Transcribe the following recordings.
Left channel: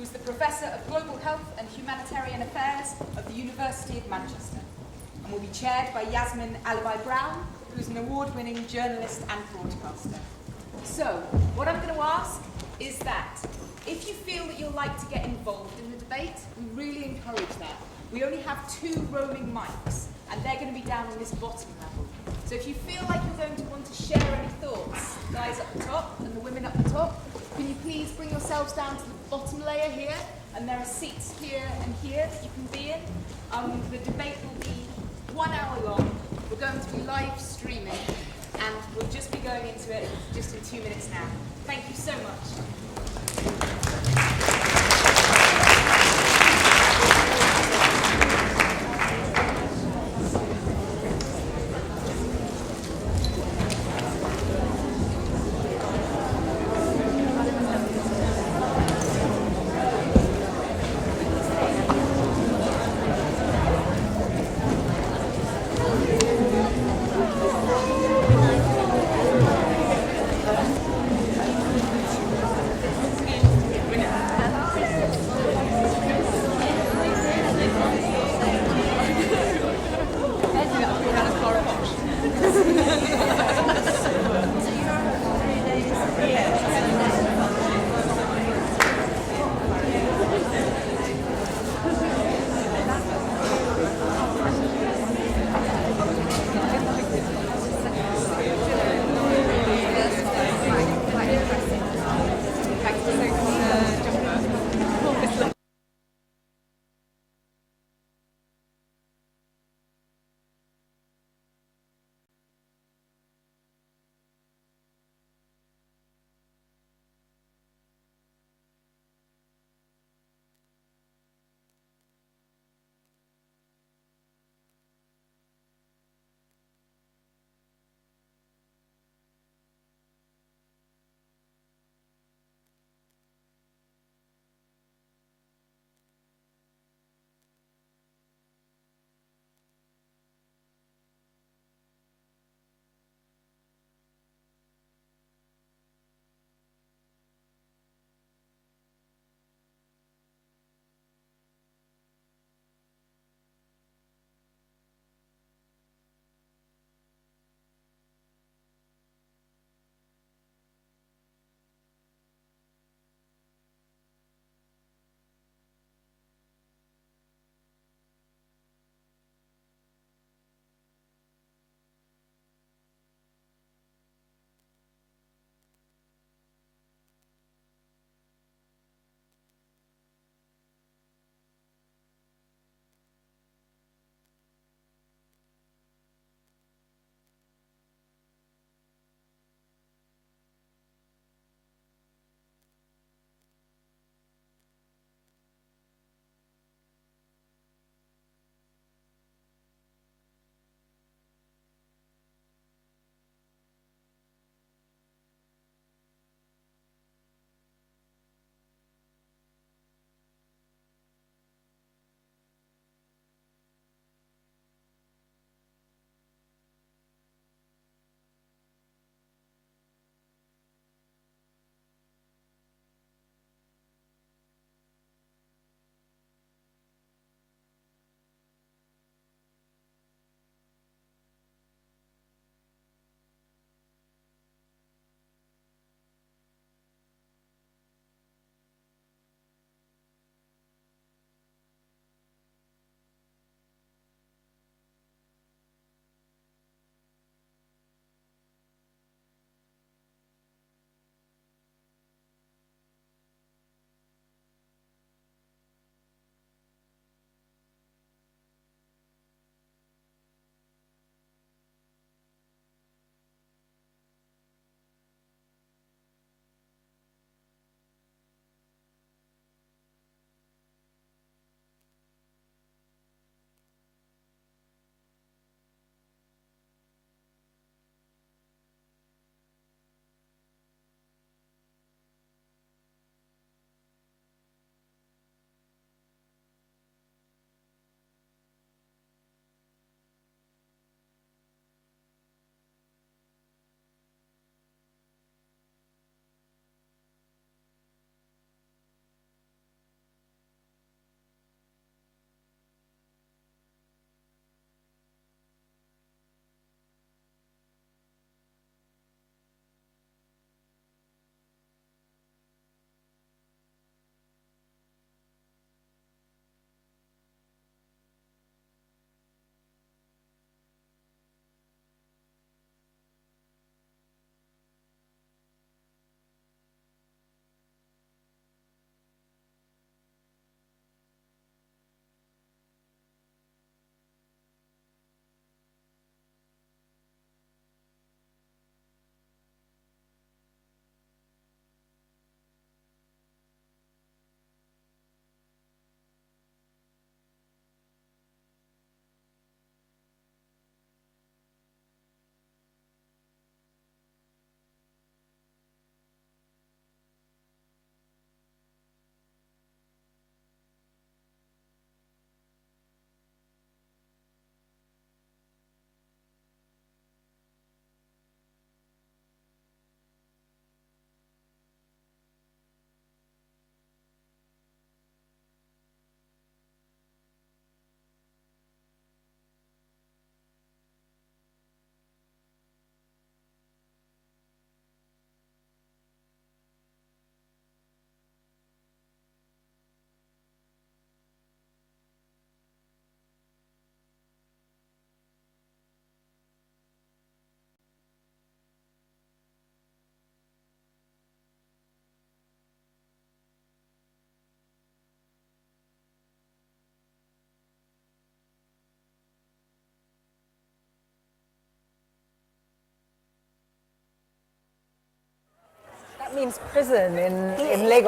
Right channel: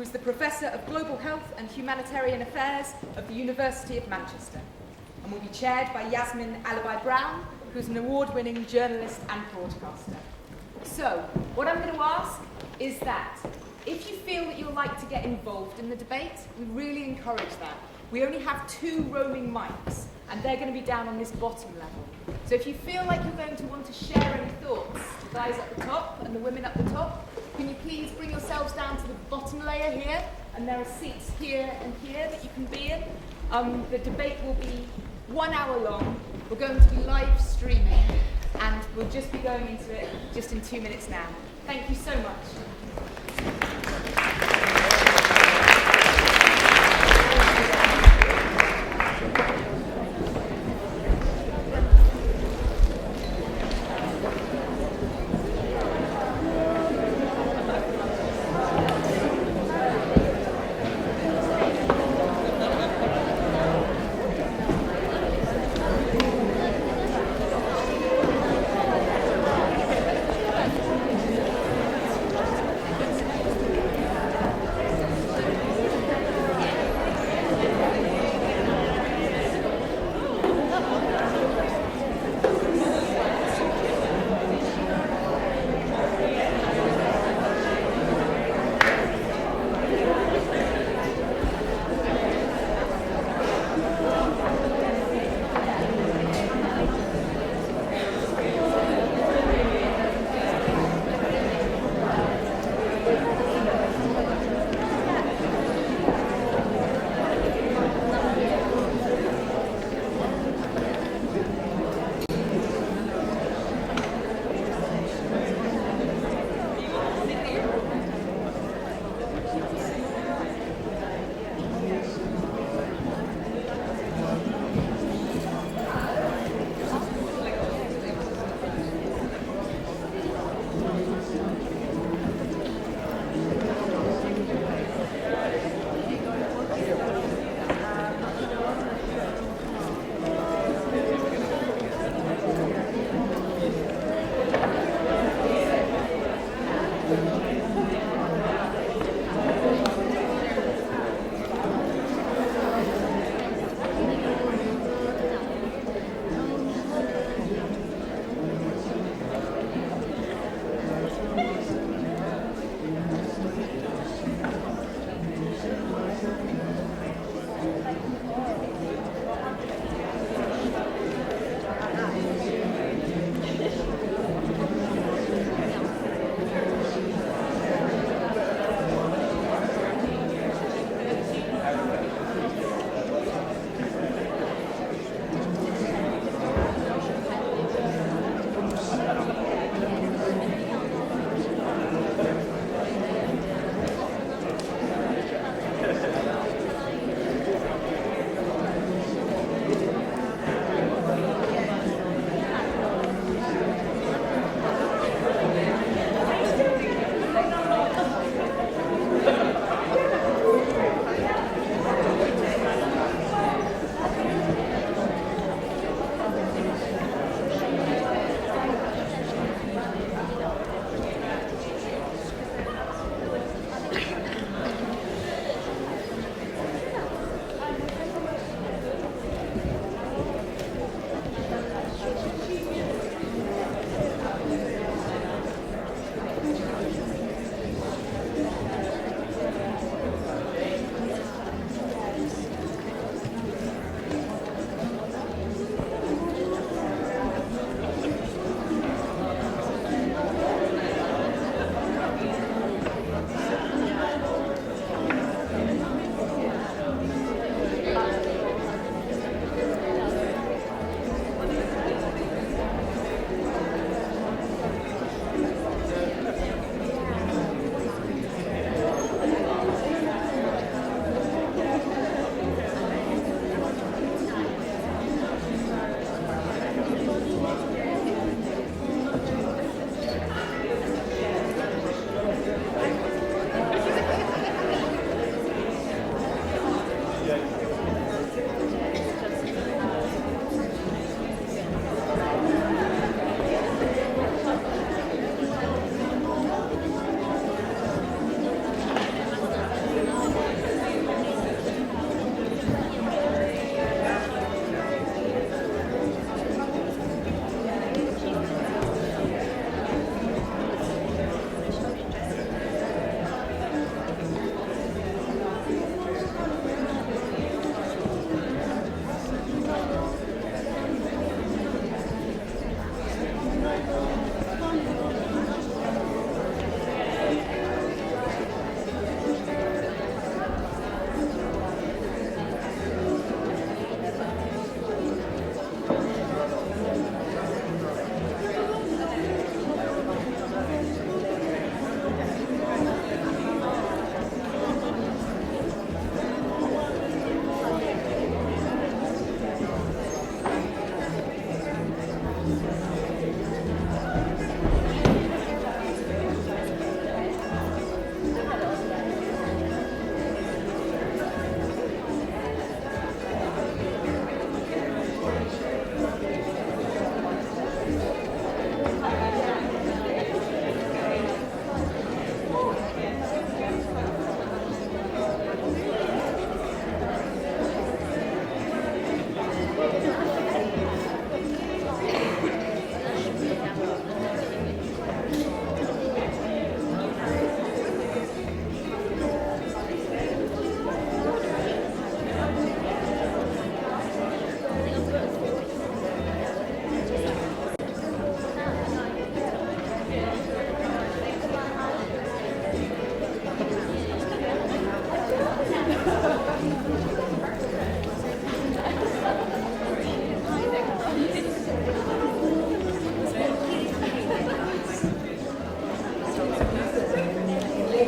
who is the Professor of Global Health and Humanitarian Affairs at the University of Manchester, and will be chaired by Yasmin Alibi-Brown, who's an award-winning journalist and broadcaster. So, what I'm going to ask is that if you feel that you'd like to get involved in the debate, we really encourage that. We only have 2 roaming mics, and they're going to be down on this bottom level. So if you feel like you're going to want to share any thoughts, the guys at the top and the women up the top, can you please bring yourselves down to the bottom layer here? And there are seats here and here that you can be in. The debate will be 1 hour long. We're going to be live streaming, and we'll just be going into it just in 2 minutes now. Thank you so much.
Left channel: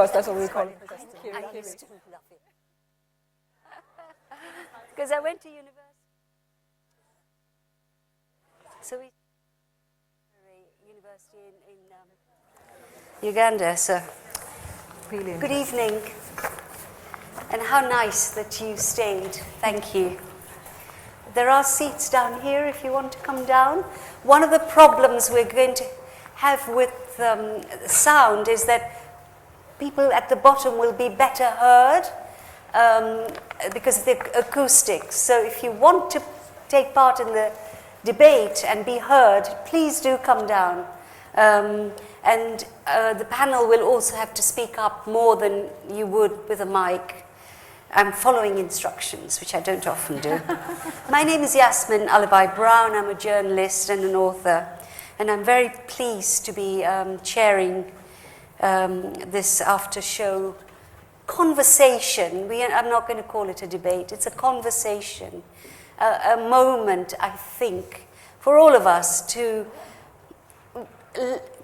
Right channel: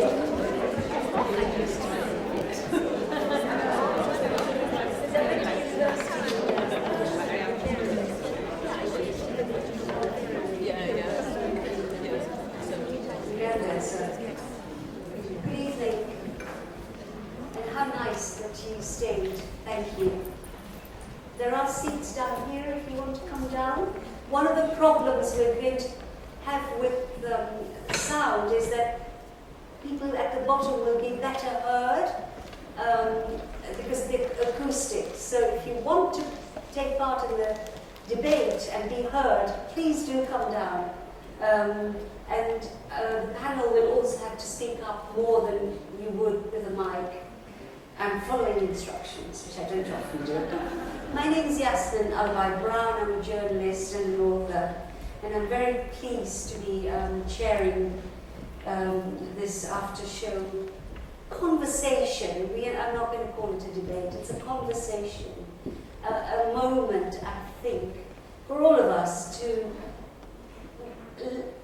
because that's what we call it. Uganda, so good evening, and how nice that you stayed. Thank you. There are seats down here if you want to come down. One of the problems we're going to have with sound is that people at the bottom will be better heard because of the acoustics. So if you want to take part in the debate and be heard, please do come down. And the panel will also have to speak up more than you would with a mic. I'm following instructions, which I don't often do. My name is Yasmin Alibai-Brown. I'm a journalist and an author, and I'm very pleased to be chairing this after-show conversation. I'm not going to call it a debate. It's a conversation, a moment, I think, for all of us to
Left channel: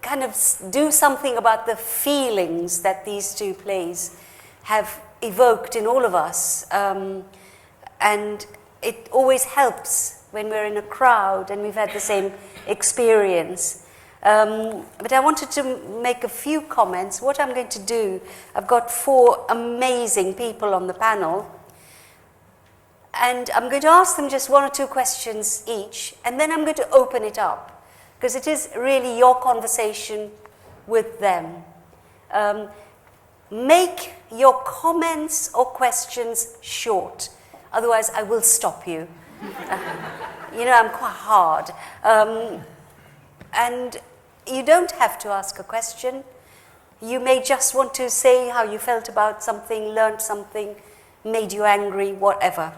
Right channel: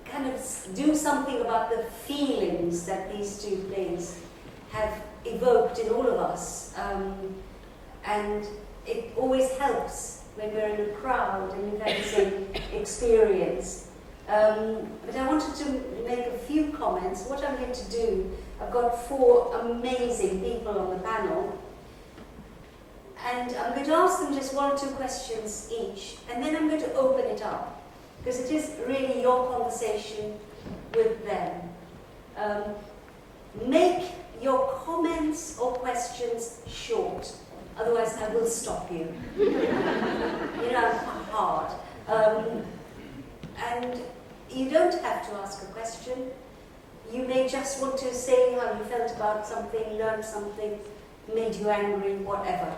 kind of do something about the feelings that these two plays have evoked in all of us. And it always helps when we're in a crowd and we've had the same experience. But I wanted to make a few comments. What I'm going to do, I've got 4 amazing people on the panel, and I'm going to ask them just 1 or 2 questions each, and then I'm going to open it up, because it is really your conversation with them. Make your comments or questions short, otherwise I will stop you. You know, I'm quite hard. And you don't have to ask a question. You may just want to say how you felt about something, learned something, made you angry, whatever.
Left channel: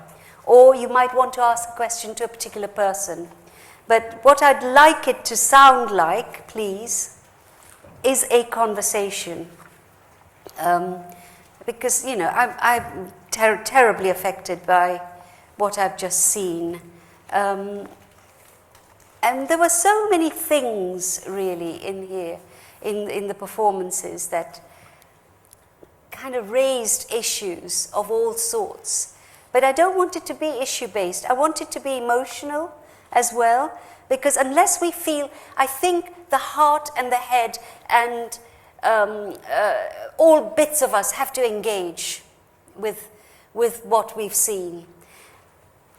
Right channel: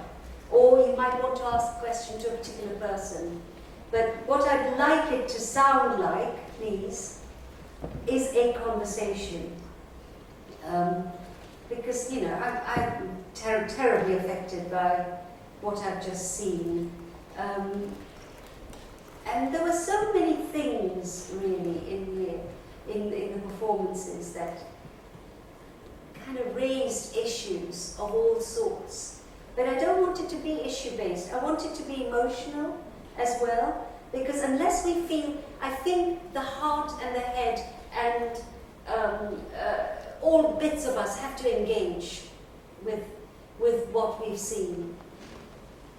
Or you might want to ask a question to a particular person. But what I'd like it to sound like, please, is a conversation. Because, you know, I'm terribly affected by what I've just seen. And there were so many things, really, in here, in the performances that kind of raised issues of all sorts. But I don't want it to be issue-based. I want it to be emotional as well, because unless we feel, I think the heart and the head and all bits of us have to engage with what we've seen.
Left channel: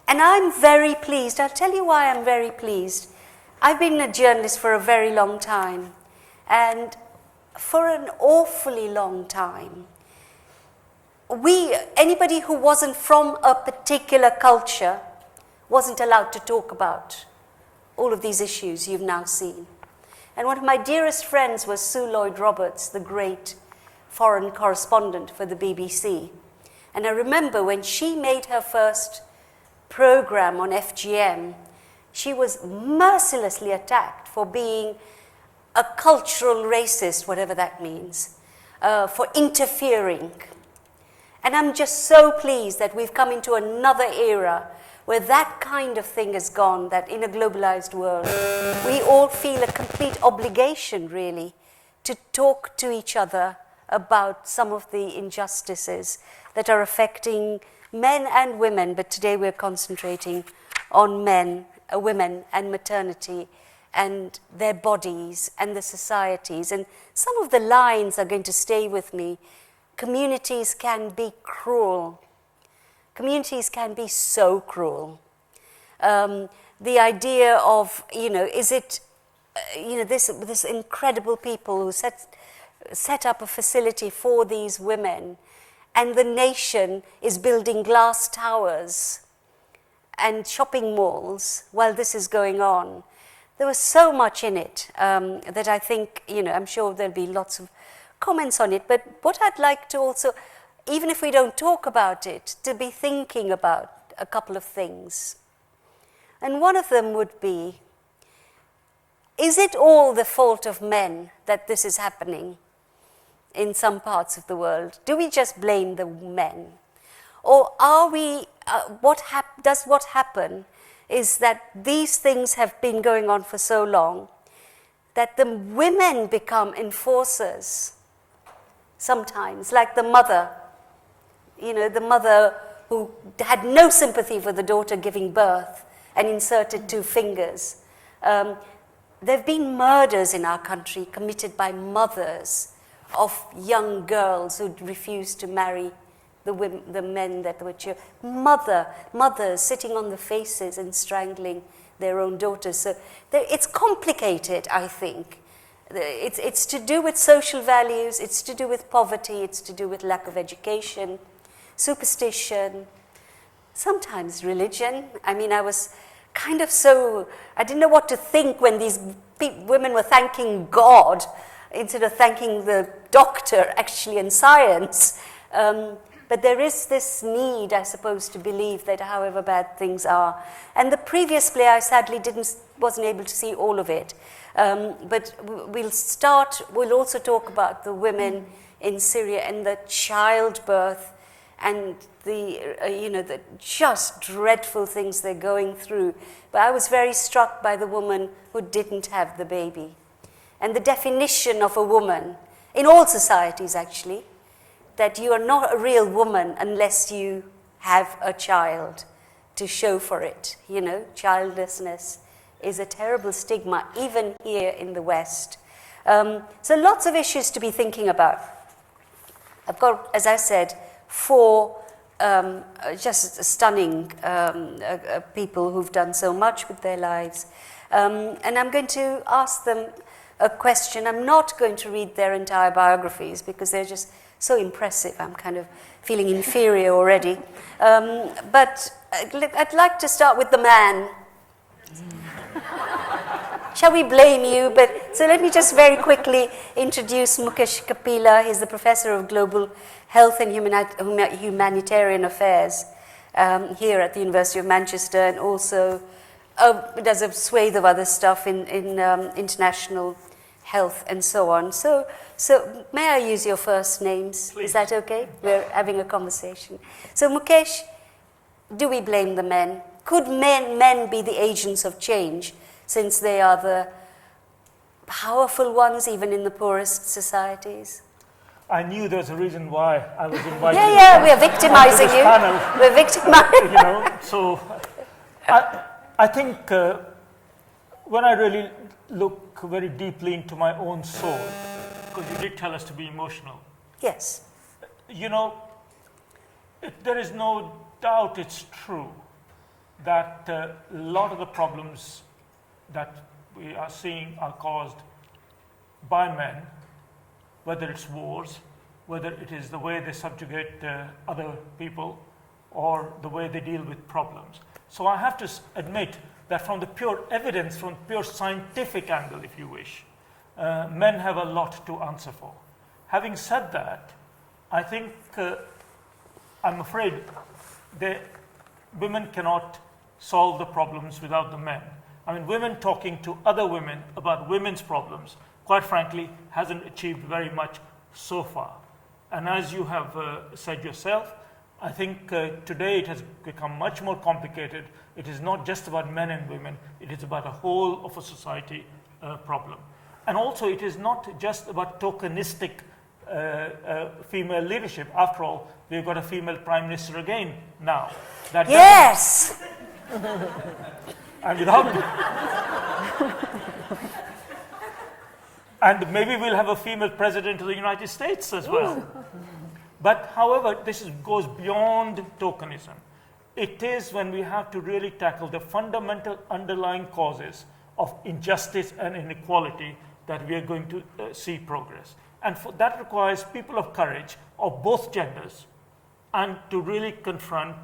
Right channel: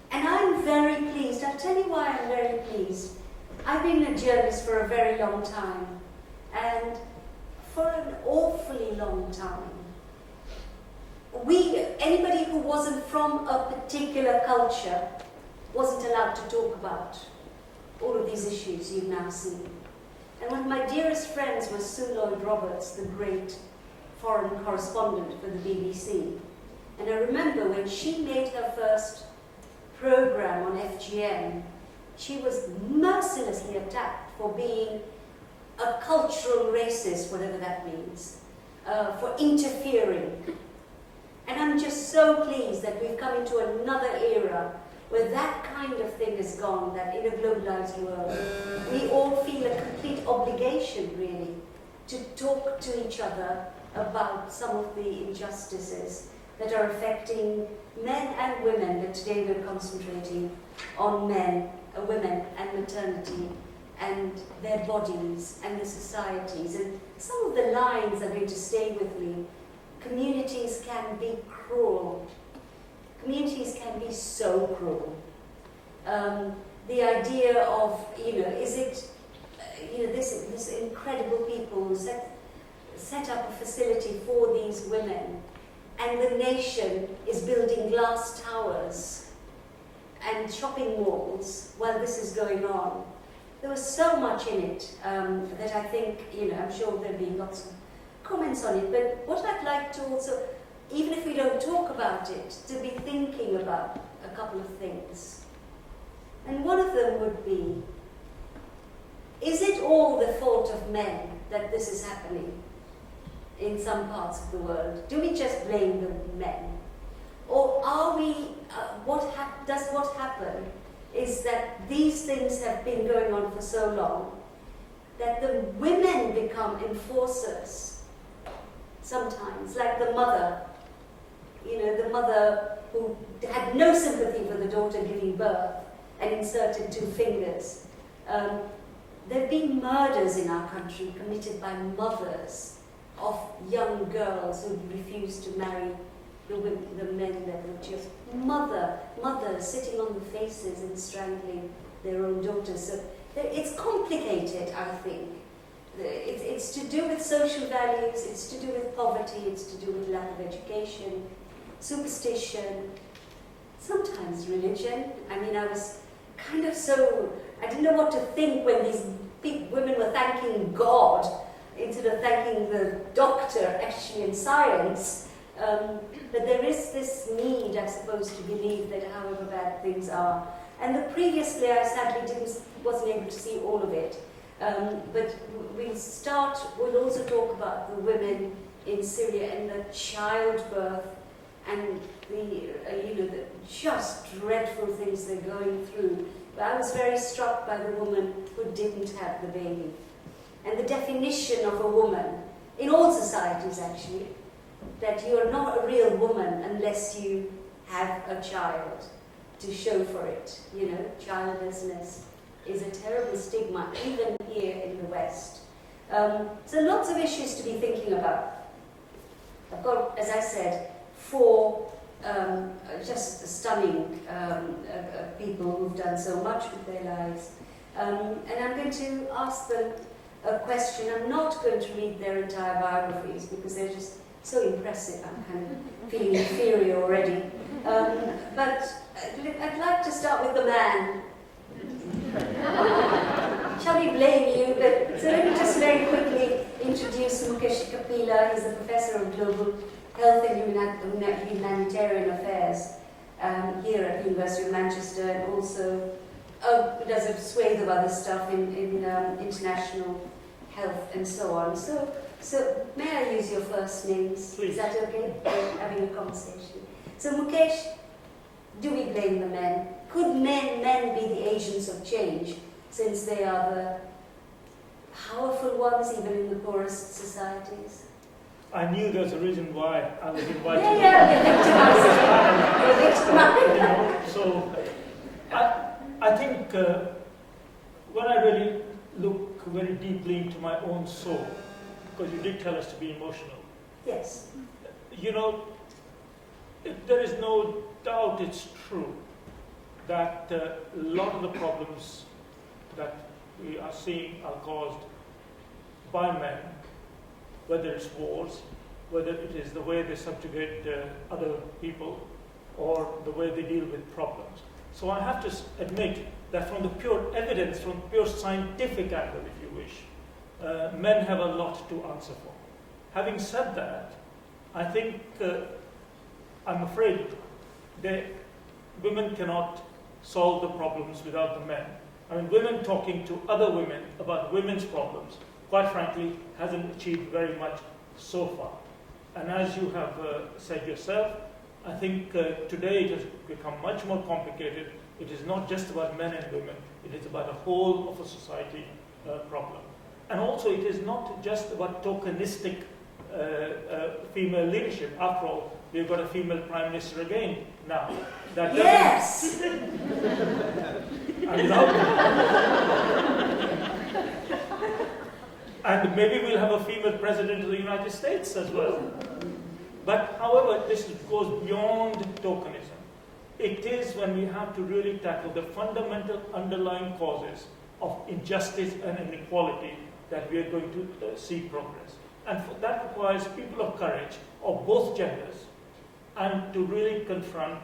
And I'm very pleased. I'll tell you why I'm very pleased. I've been a journalist for a very long time, and for an awfully long time, anybody who wasn't from a particular culture wasn't allowed to talk about all of these issues you've now seen. And one of my dearest friends was Sue Lloyd-Roberts, the great foreign correspondent for the BBC. And I remember when she made her first program on FGM, she was mercilessly attacked for being a cultural racist, whatever that means, for interfering. And I'm just so pleased that we've come into another era where that kind of thing is gone, that in a globalized world, we all feel a complete obligation, really, to talk to each other about some of the injustices that are affecting men and women, but today we're concentrating on men, women and maternity and their bodies and the societies. And some of the lines are going to stay with me. Communities can be cruel. Communities can be so cruel. The idea of, is it, this incredible people who set up a facility for these women, and the nation is building glass towers and shopping malls while this is going on. There was so much in it that I think, I'm sure there'll be lots of comments on it, but what I'd like to also, even if we don't talk about it, to be thinking about a couple of things. And one of them would be, is it all the fault of men that this is happening in some parts of the world? Do we just blame the men? Or are we, what happen is that these things have been going on for so long that the women become enforcers. sometimes, like the mother, the mother who had no sympathy for the daughter giving birth and inserted 2 fingers. There have been murders in our country committed by mothers of young girls who refused to marry the men that were children. Mothers sitting on the faces and strangling their own daughters. So it's complicated, I think. It's to do with social values, it's to do with poverty, it's to do with lack of education, superstition, sometimes religion. I mean, I was kind of I didn't know what to think when these women were thanking God instead of thanking the doctor, actually, in science. But there is this need, I suppose, to believe that however bad things are. And the previous play, I sadly wasn't able to see all of it. But we'll also talk about the women in Syria and the childbirth and the just dreadful things they're going through. But I was very struck by the woman who didn't have the baby. And the definition of a woman, in all societies actually, that you are not a real woman unless you have a child to show for it. Childlessness is a terrible stigma, even here in the West. So lots of issues to be thinking about. I've got, as I said, 4 just stunning people who've done so much with their lives. And I'm going to ask them a question. I'm not going to read their entire biographies because they're just so impressive. I'm kind of feeling inferior already. But I'd like to start with the man. Shall we blame you? So let me just very quickly introduce Mukesh Kapila. He's the Professor of Global Health and Humanitarian Affairs here at the University of Manchester, and also does a swathe of other stuff in international health and so on. So may I use your first names? Please. Is that okay? We're having a conversation. So Mukesh, do we blame the men? Could men be the agents of change, since they are the powerful ones even in the poorest societies? I knew there was a reason why I was invited. Yeah, we're victimizing you. We're victimizing. So I think when I really look very deeply into my own soul, because you did tell us to be emotional. Yes. There is no doubt it's true that a lot of the problems that we are seeing are caused by men, whether it's wars, whether it is the way they subjugate other people, or the way they deal with problems. So I have to admit that from the pure evidence, from pure scientific angle, if you wish, men have a lot to answer for. Having said that, I think, I'm afraid, women cannot solve the problems without the men. I mean, women talking to other women about women's problems, quite frankly, hasn't achieved very much so far. And as you have said yourself, I think today it has become much more complicated. It is not just about men and women, it is about the whole of a society problem. And also it is not just about tokenistic female leadership. After all, we've got a female prime minister again now. Yes! And without and maybe we'll have a female president of the United States as well. But however, this goes beyond tokenism. It is when we have to really tackle the fundamental underlying causes of injustice and inequality that we are going to see progress. And that requires people of courage of both genders, and to really confront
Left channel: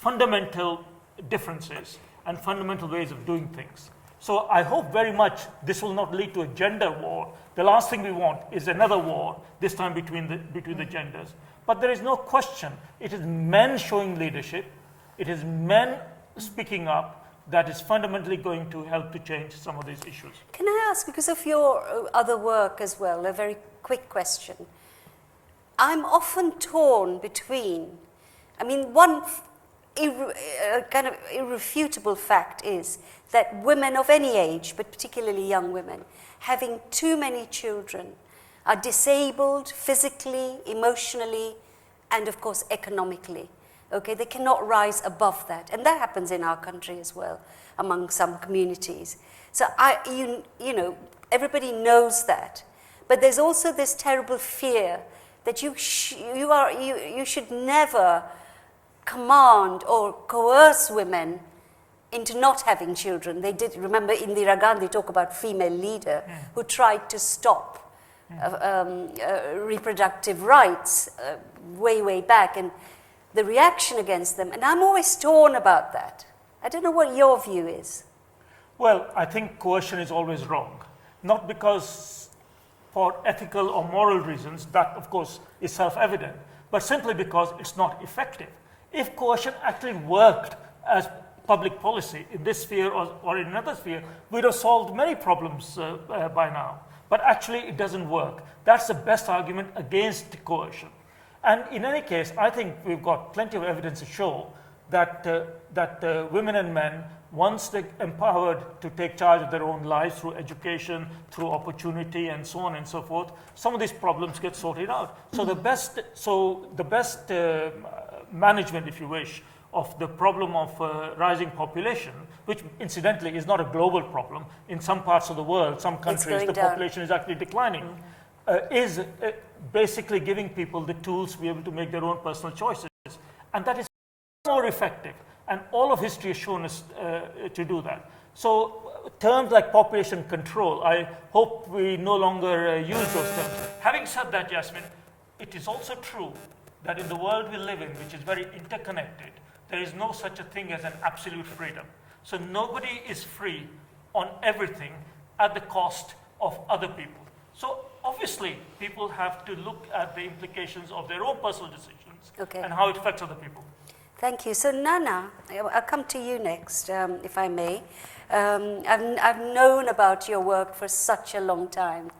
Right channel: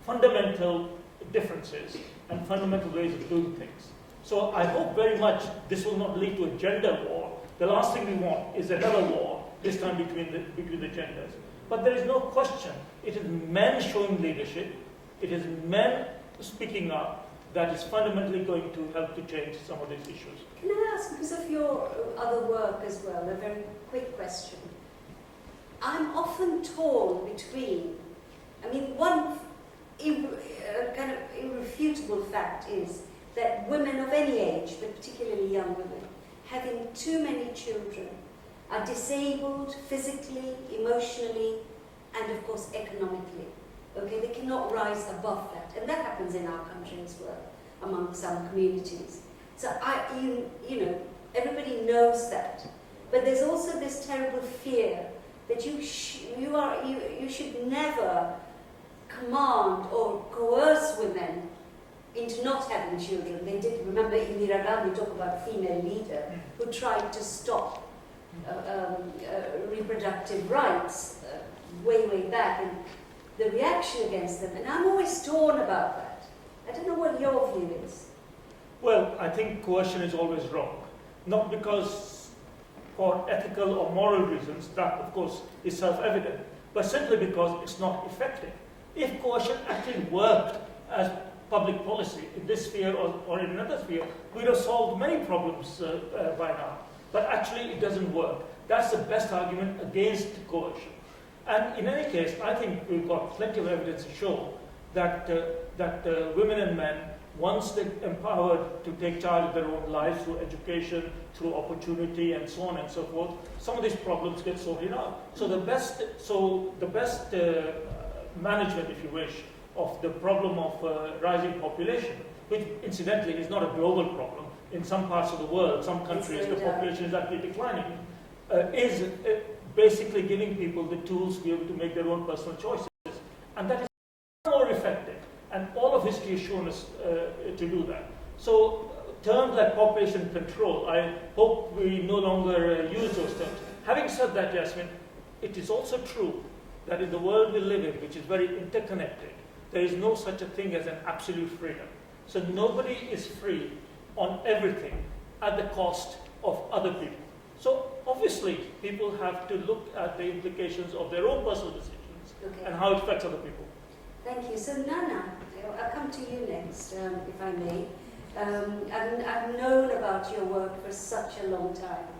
fundamental differences and fundamental ways of doing things. So I hope very much this will not lead to a gender war. The last thing we want is another war, this time between the genders. But there is no question, it is men showing leadership, it is men speaking up that is fundamentally going to help to change some of these issues. Can I ask, because of your other work as well, a very quick question. I'm often torn between, one kind of irrefutable fact is that women of any age, but particularly young women, having too many children are disabled physically, emotionally, and of course economically. Okay, they cannot rise above that, and that happens in our country as well, among some communities. So you know, everybody knows that, but there's also this terrible fear that you should never command or coerce women into not having children. They did, remember Indira Gandhi talk about female leader who tried to stop reproductive rights way back, and the reaction against them, and I'm always torn about that. I don't know what your view is. Well, I think coercion is always wrong. Not because for ethical or moral reasons, that of course is self-evident, but simply because it's not effective. If coercion actually worked as public policy in this sphere or in another sphere, we'd have solved many problems by now. But actually it doesn't work. That's the best argument against coercion. And in any case, I think we've got plenty of evidence to show that, women and men, once they're empowered to take charge of their own lives through education, through opportunity, and so on and so forth, some of these problems get sorted out. So the best management, if you wish, of the problem of rising population, which incidentally is not a global problem. In some parts of the world, some countries, the population is actually declining, is basically giving people the tools to be able to make their own personal choices. And that is more effective. And all of history has shown us to do that. So terms like population control, I hope we no longer use those terms. Having said that, Yasmin, it is also true that in the world we live in, which is very interconnected, there is no such a thing as an absolute freedom. So nobody is free on everything at the cost of other people. So obviously, people have to look at the implications of their own personal decisions and how it affects other people. Thank you. So Nana, I'll come to you next, if I may. I've known about your work for such a long time.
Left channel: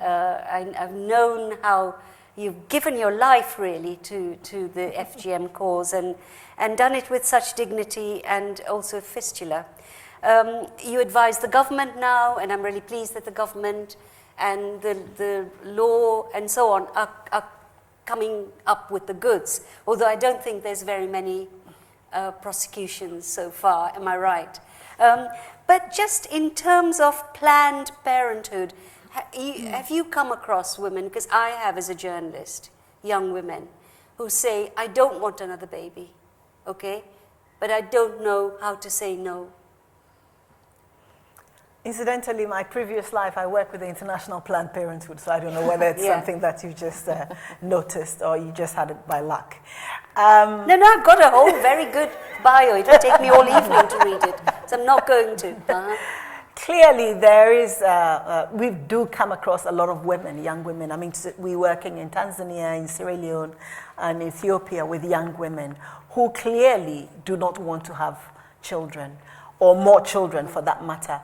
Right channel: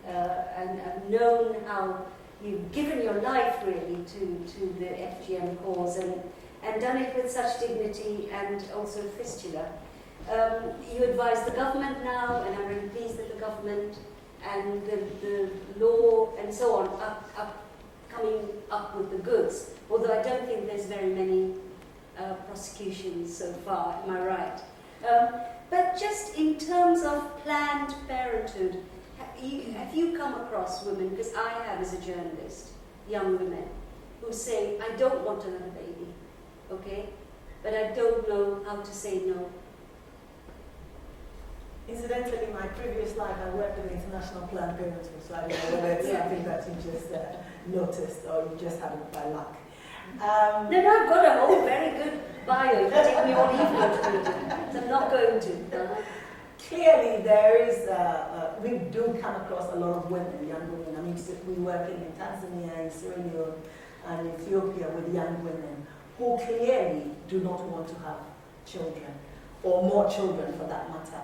And I've known how you've given your life really to the FGM cause and done it with such dignity and also fistula. You advise the government now, and I'm really pleased that the government and the law and so on are coming up with the goods, although I don't think there's very many prosecutions so far, am I right? But just in terms of Planned Parenthood, have you come across women, because I have as a journalist, young women, who say, I don't want another baby, okay, but I don't know how to say no? Incidentally, in my previous life, I worked with the International Planned Parenthood, so I don't know whether it's something that you just noticed or you just had it by luck. No, I've got a whole very good bio. It will take me all evening to read it, so I'm not going to. Clearly, there is, we do come across a lot of women, young women. I mean, we're working in Tanzania, in Sierra Leone, and Ethiopia with young women who clearly do not want to have children, or more children for that matter.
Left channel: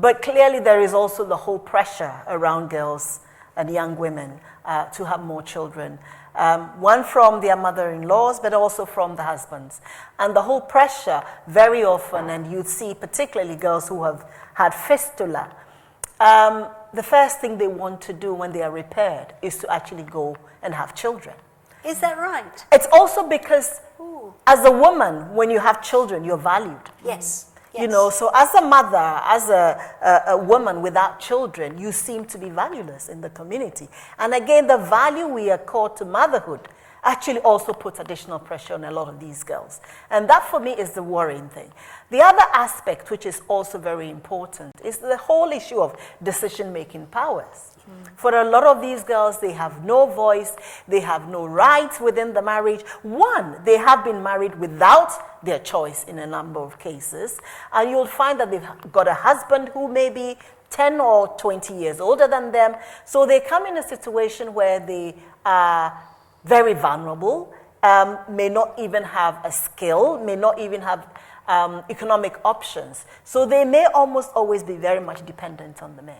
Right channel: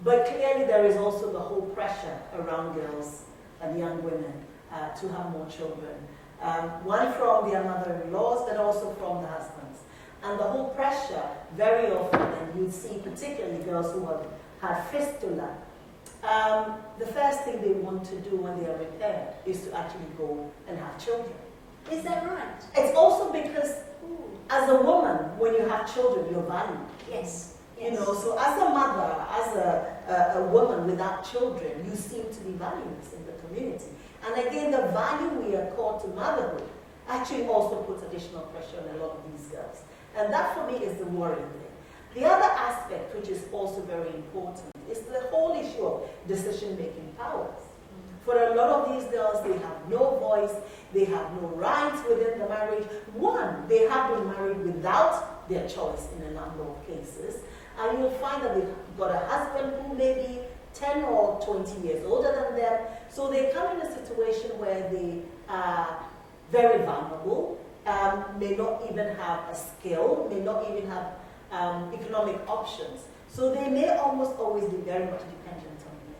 But clearly there is also the whole pressure around girls and young women to have more children. One from their mother-in-laws, but also from the husbands. And the whole pressure, very often, and you'd see particularly girls who have had fistula, the first thing they want to do when they are repaired is to actually go and have children. Is that right? It's also because as a woman, when you have children, you're valued. Yes. You know, so as a mother, as a woman without children, you seem to be valueless in the community. And again, the value we accord to motherhood actually also puts additional pressure on a lot of these girls. And that for me is the worrying thing. The other aspect, which is also very important, is the whole issue of decision-making powers. For a lot of these girls, they have no voice, they have no rights within the marriage. One, they have been married without their choice in a number of cases, and you'll find that they've got a husband who may be 10 or 20 years older than them, so they come in a situation where they are very vulnerable, may not even have a skill, may not even have economic options, so they may almost always be very much dependent on the men.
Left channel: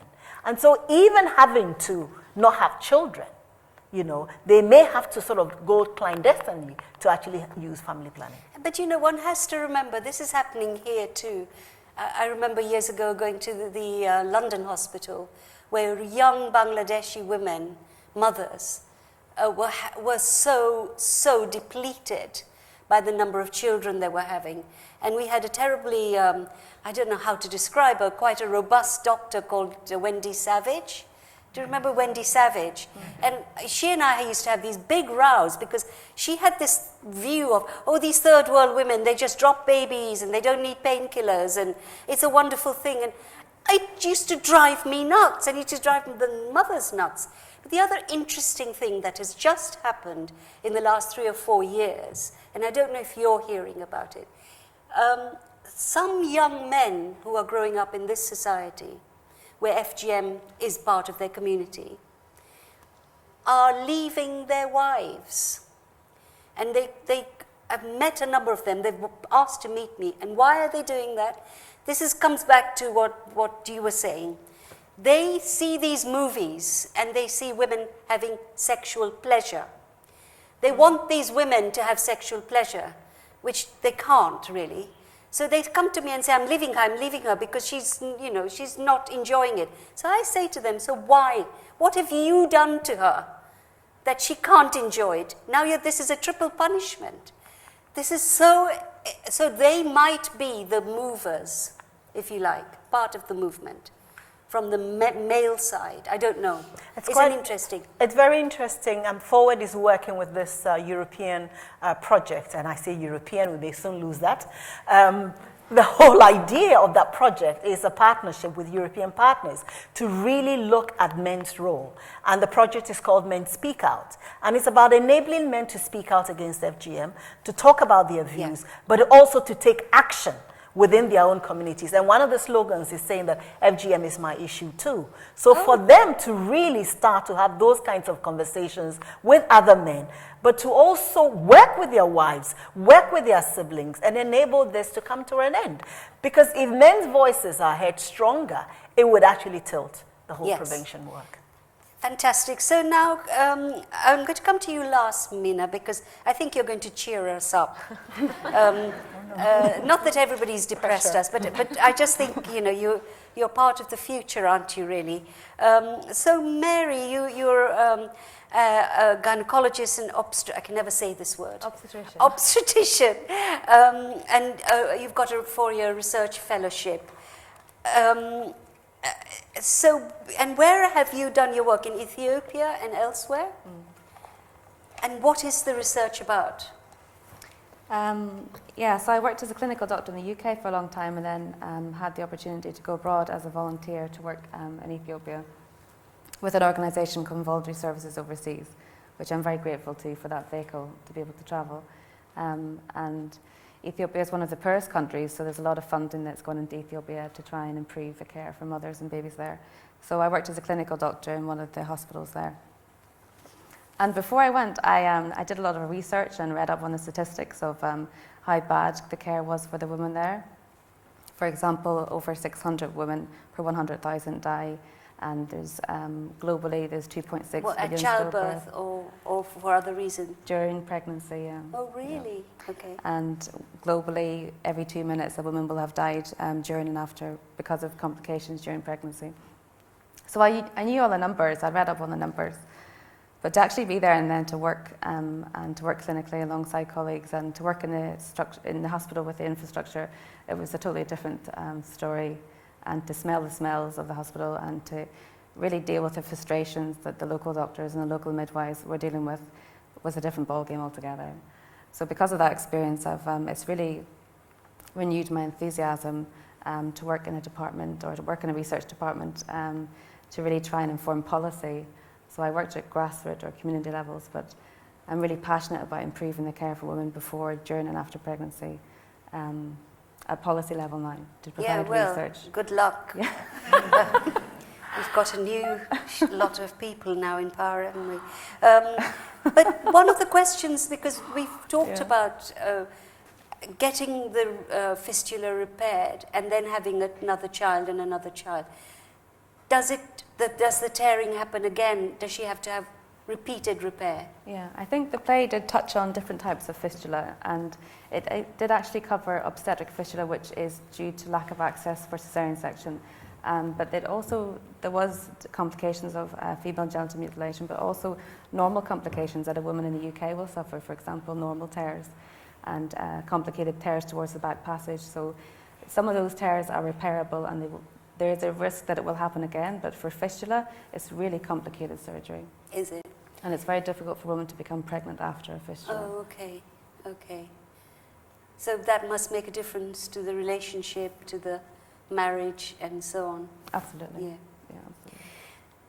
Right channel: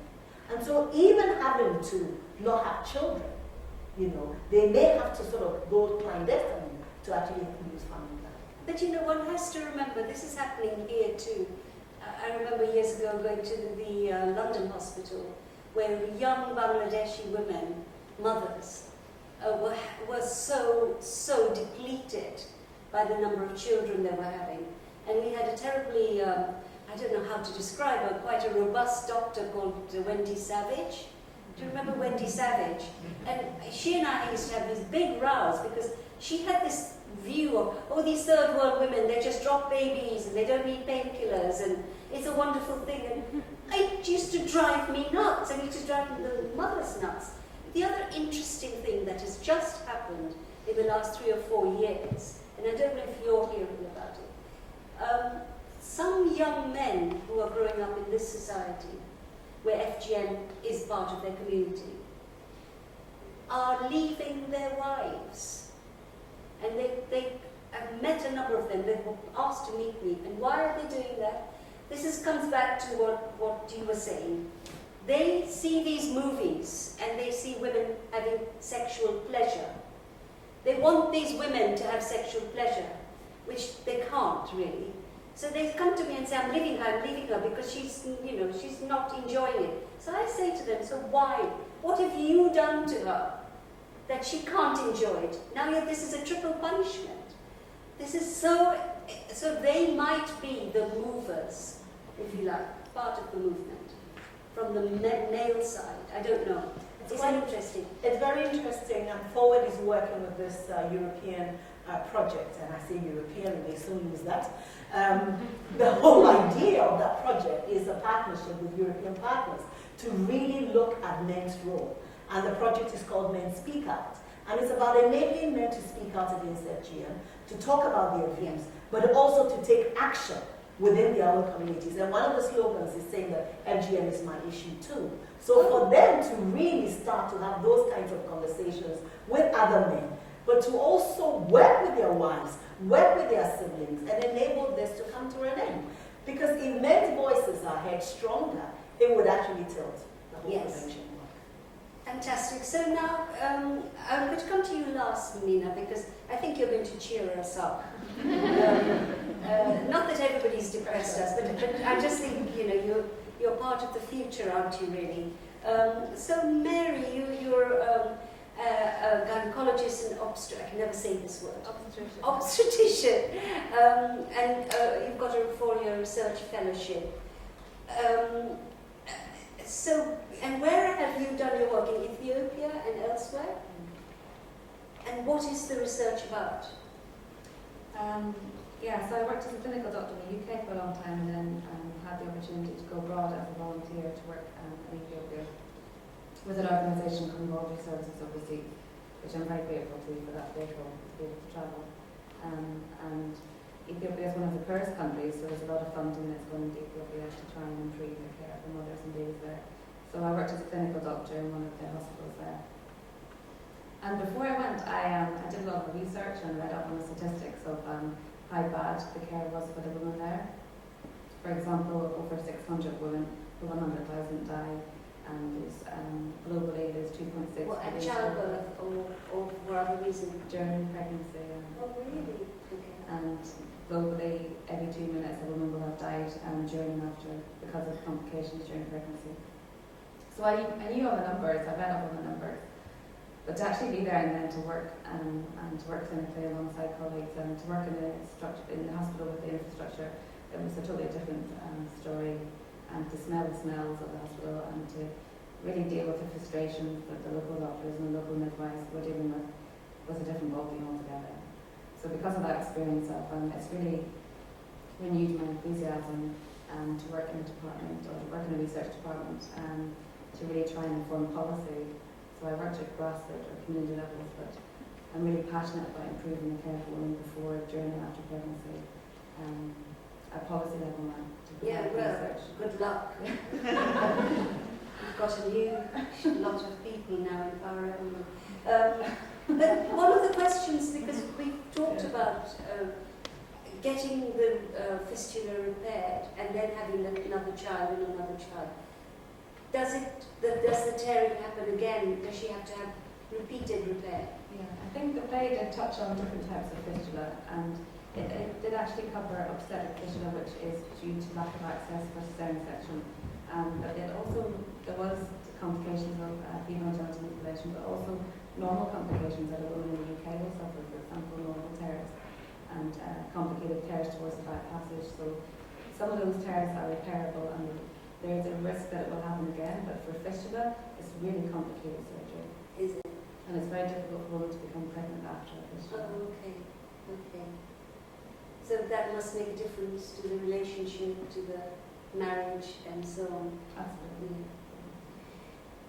And so even having to not have children, you know, they may have to sort of go clandestinely to actually use family planning. But you know, one has to remember, this is happening here too. I remember years ago going to the London hospital where young Bangladeshi women mothers were so depleted by the number of children they were having. And we had a terribly, I don't know how to describe her, quite a robust doctor called Wendy Savage. Do you remember Wendy Savage? And she and I used to have these big rows because she had this view of, oh, these third world women, they just drop babies and they don't need painkillers and it's a wonderful thing. And it used to drive me nuts, and it used to drive the mothers nuts. But the other interesting thing that has just happened in the last 3 or 4 years, and I don't know if you're hearing about it, some young men who are growing up in this society, where FGM is part of their community, are leaving their wives. And I've met a number of them. They've asked to meet me. And why are they doing that? This comes back to what you were saying. They see these movies and they see women having sexual pleasure. They want these women to have sexual pleasure, which they can't really. So they come to me and say, I'm leaving her because she's not enjoying it. So I say to them, so why? What have you done to her that she can't enjoy it? Now this is a triple punishment. This is so they might be the movers, if you like, part of the movement from the male side. I don't know. It's quite interesting. It's very interesting, and Forward is working with this European project, and I say European, they soon lose that. The whole idea of that project is a partnership with European partners to really look at men's role, and the project is called Men Speak Out, and it's about enabling men to speak out against FGM, to talk about their views, but also to take action within their own communities. And one of the slogans is saying that FGM is my issue too. So for them to really start to have those kinds of conversations with other men, but to also work with their wives, work with their siblings, and enable this to come to an end. Because if men's voices are heard stronger, it would actually tilt the whole prevention work. Fantastic. So now I'm going to come to you last, Mina, because I think you're going to cheer us up. Not that everybody's depressed us, but I just think, you're part of the future, aren't you, really? So Mary, you're a gynecologist and I can never say this word. Obstetrician. And you've got a 4-year research fellowship. And where have you done your work? In Ethiopia and elsewhere? And what is the research about? So I worked as a clinical doctor in the UK for a long time, and then had the opportunity to go abroad as a volunteer to work in Ethiopia with an organisation called Voluntary Services Overseas, which I'm very grateful to for that vehicle to be able to travel. And Ethiopia is one of the poorest countries, so there's a lot of funding that's gone into Ethiopia to try and improve the care for mothers and babies there. So I worked as a clinical doctor in one of the hospitals there. And before I went, I did a lot of research and read up on the statistics of how bad the care was for the women there. For example, over 600 women per 100,000 die, and there's globally there's 2.6 billion. At childbirth or for other reasons? During pregnancy, yeah. Oh, really? Okay. And globally, every 2 minutes a woman will have died during and after because of complications during pregnancy. So I knew all the numbers, I read up on the numbers. But to actually be there and then to work and to work clinically alongside colleagues and to work in the hospital with the infrastructure, it was a totally different story. And to smell the smells of the hospital and to really deal with the frustrations that the local doctors and the local midwives were dealing with was a different ballgame altogether. So because of that experience, it's really renewed my enthusiasm to work in a department or to work in a research department to really try and inform policy. So I worked at grassroots or community levels, but I'm really passionate about improving the care for women before, during and after pregnancy at policy level now to provide research. Good luck. Yeah. We've got a new lot of people now in power, haven't we? But one of the questions, because we've talked about getting the fistula repaired and then having another child and another child. Does the tearing happen again? Does she have to have repeated repair? Yeah, I think the play did touch on different types of fistula, and it did actually cover obstetric fistula, which is due to lack of access for cesarean section, But there was complications of female genital mutilation, but also normal complications that a woman in the UK will suffer, for example, normal tears and complicated tears towards the back passage. So some of those tears are repairable, and there is a risk that it will happen again, but for fistula, it's really complicated surgery. Is it? And it's very difficult for women to become pregnant after a fistula. Oh, okay, okay. So that must make a difference to the relationship, to the marriage, and so on. Absolutely. Yeah. Yeah.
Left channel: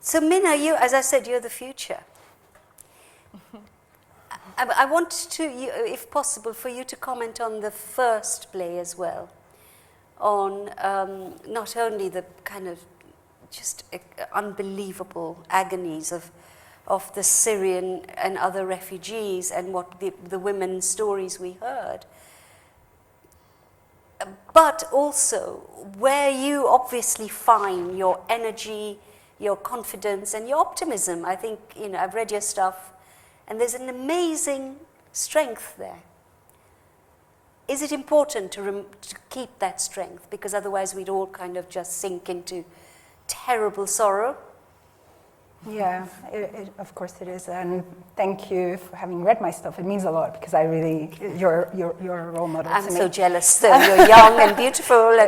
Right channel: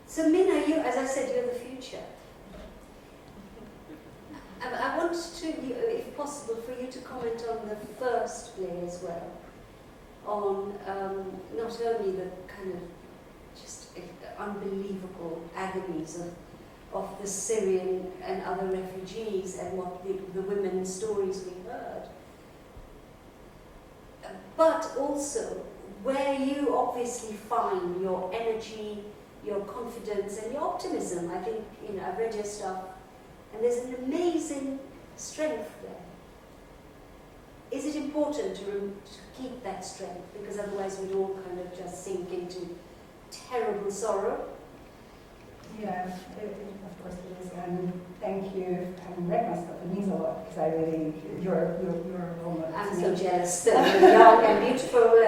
So Minna, you, as I said, you're the future. I want to, if possible, for you to comment on the first play as well, on not only the kind of just unbelievable agonies of the Syrian and other refugees and what the women's stories we heard, but also where you obviously find your energy, your confidence and your optimism. I think, I've read your stuff, and there's an amazing strength there. Is it important to keep that strength? Because otherwise we'd all kind of just sink into terrible sorrow. Yeah, of course it is, and thank you for having read my stuff. It means a lot, because I really, you're a role model I'm to me. so jealous that you're young and beautiful,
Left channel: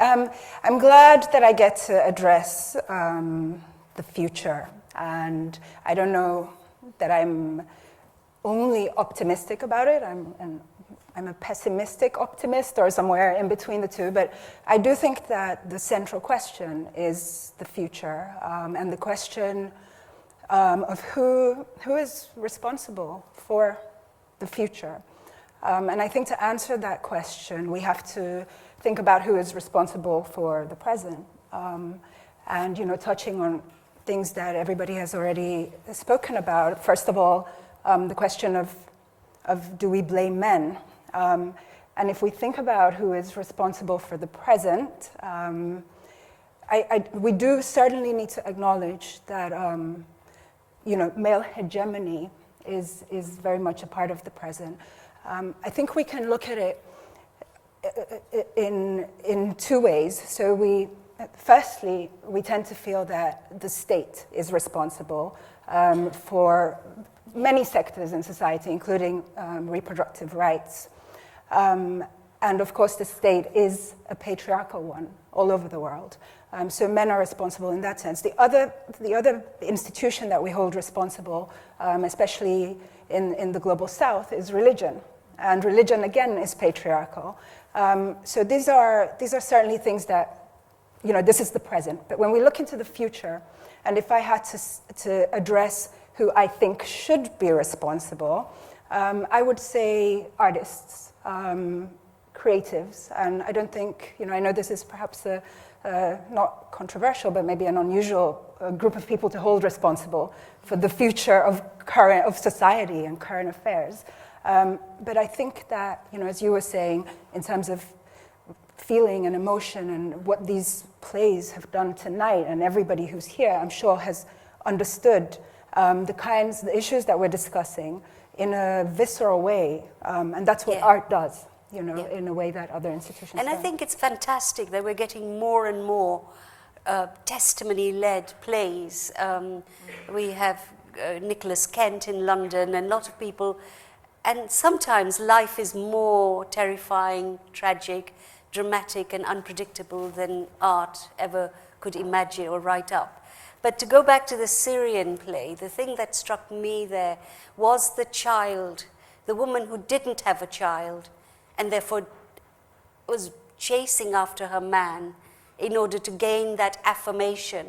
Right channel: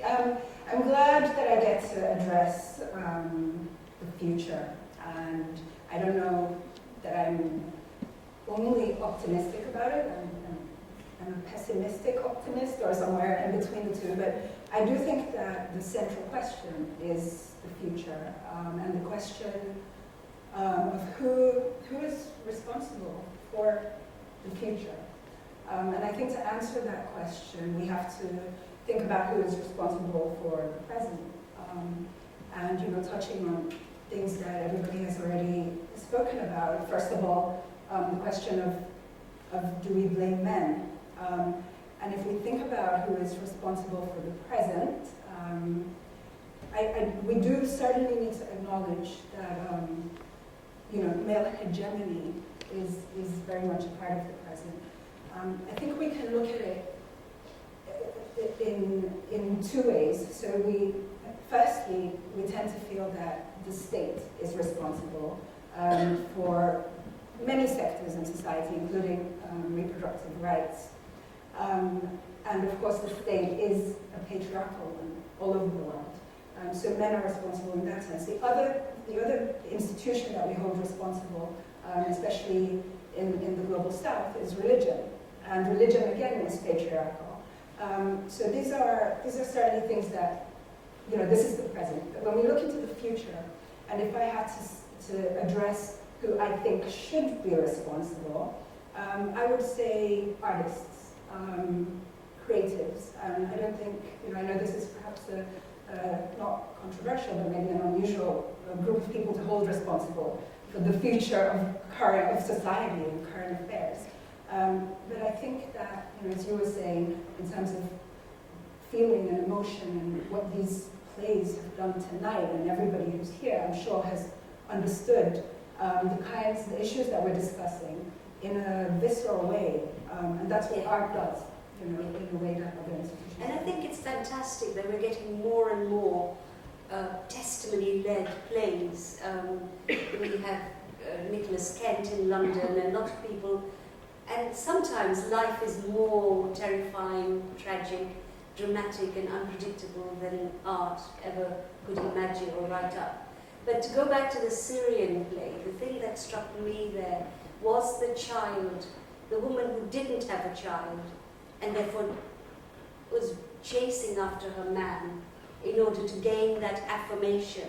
and I'm glad that I get to address the future, and I don't know that I'm only optimistic about it. I'm a pessimistic optimist, or somewhere in between the two, but I do think that the central question is the future, and the question of who is responsible for the future. And I think to answer that question, we have to think about who is responsible for the present, and touching on things that everybody has already spoken about. First of all, the question of do we blame men? And if we think about who is responsible for the present, we do certainly need to acknowledge that male hegemony is very much a part of the present. I think we can look at it in two ways. So firstly, we tend to feel that the state is responsible for many sectors in society, including reproductive rights. And of course, the state is a patriarchal one all over the world. So men are responsible in that sense. The other institution that we hold responsible, especially in the global south, is religion. And religion, again, is patriarchal. So these are certainly things that, this is the present. But when we look into the future, and if I had to address who I think should be responsible, I would say artists, creatives. And I don't think, I know this is perhaps not controversial, but maybe an unusual group of people to hold responsible for the future of society and current affairs. But I think that, as you were saying, in terms of feeling and emotion and what these plays have done tonight, and everybody who's here, I'm sure, has understood the issues that we're discussing in a visceral way. And that's what art does, in a way that other institutions And I think it's fantastic that we're getting more and more testimony-led plays. We have Nicholas Kent in London, and a lot of people. And sometimes life is more terrifying, tragic, dramatic, and unpredictable than art ever could imagine or write up. But to go back to the Syrian play, the thing that struck me there was the child, the woman who didn't have a child, and therefore was chasing after her man in order to gain that affirmation,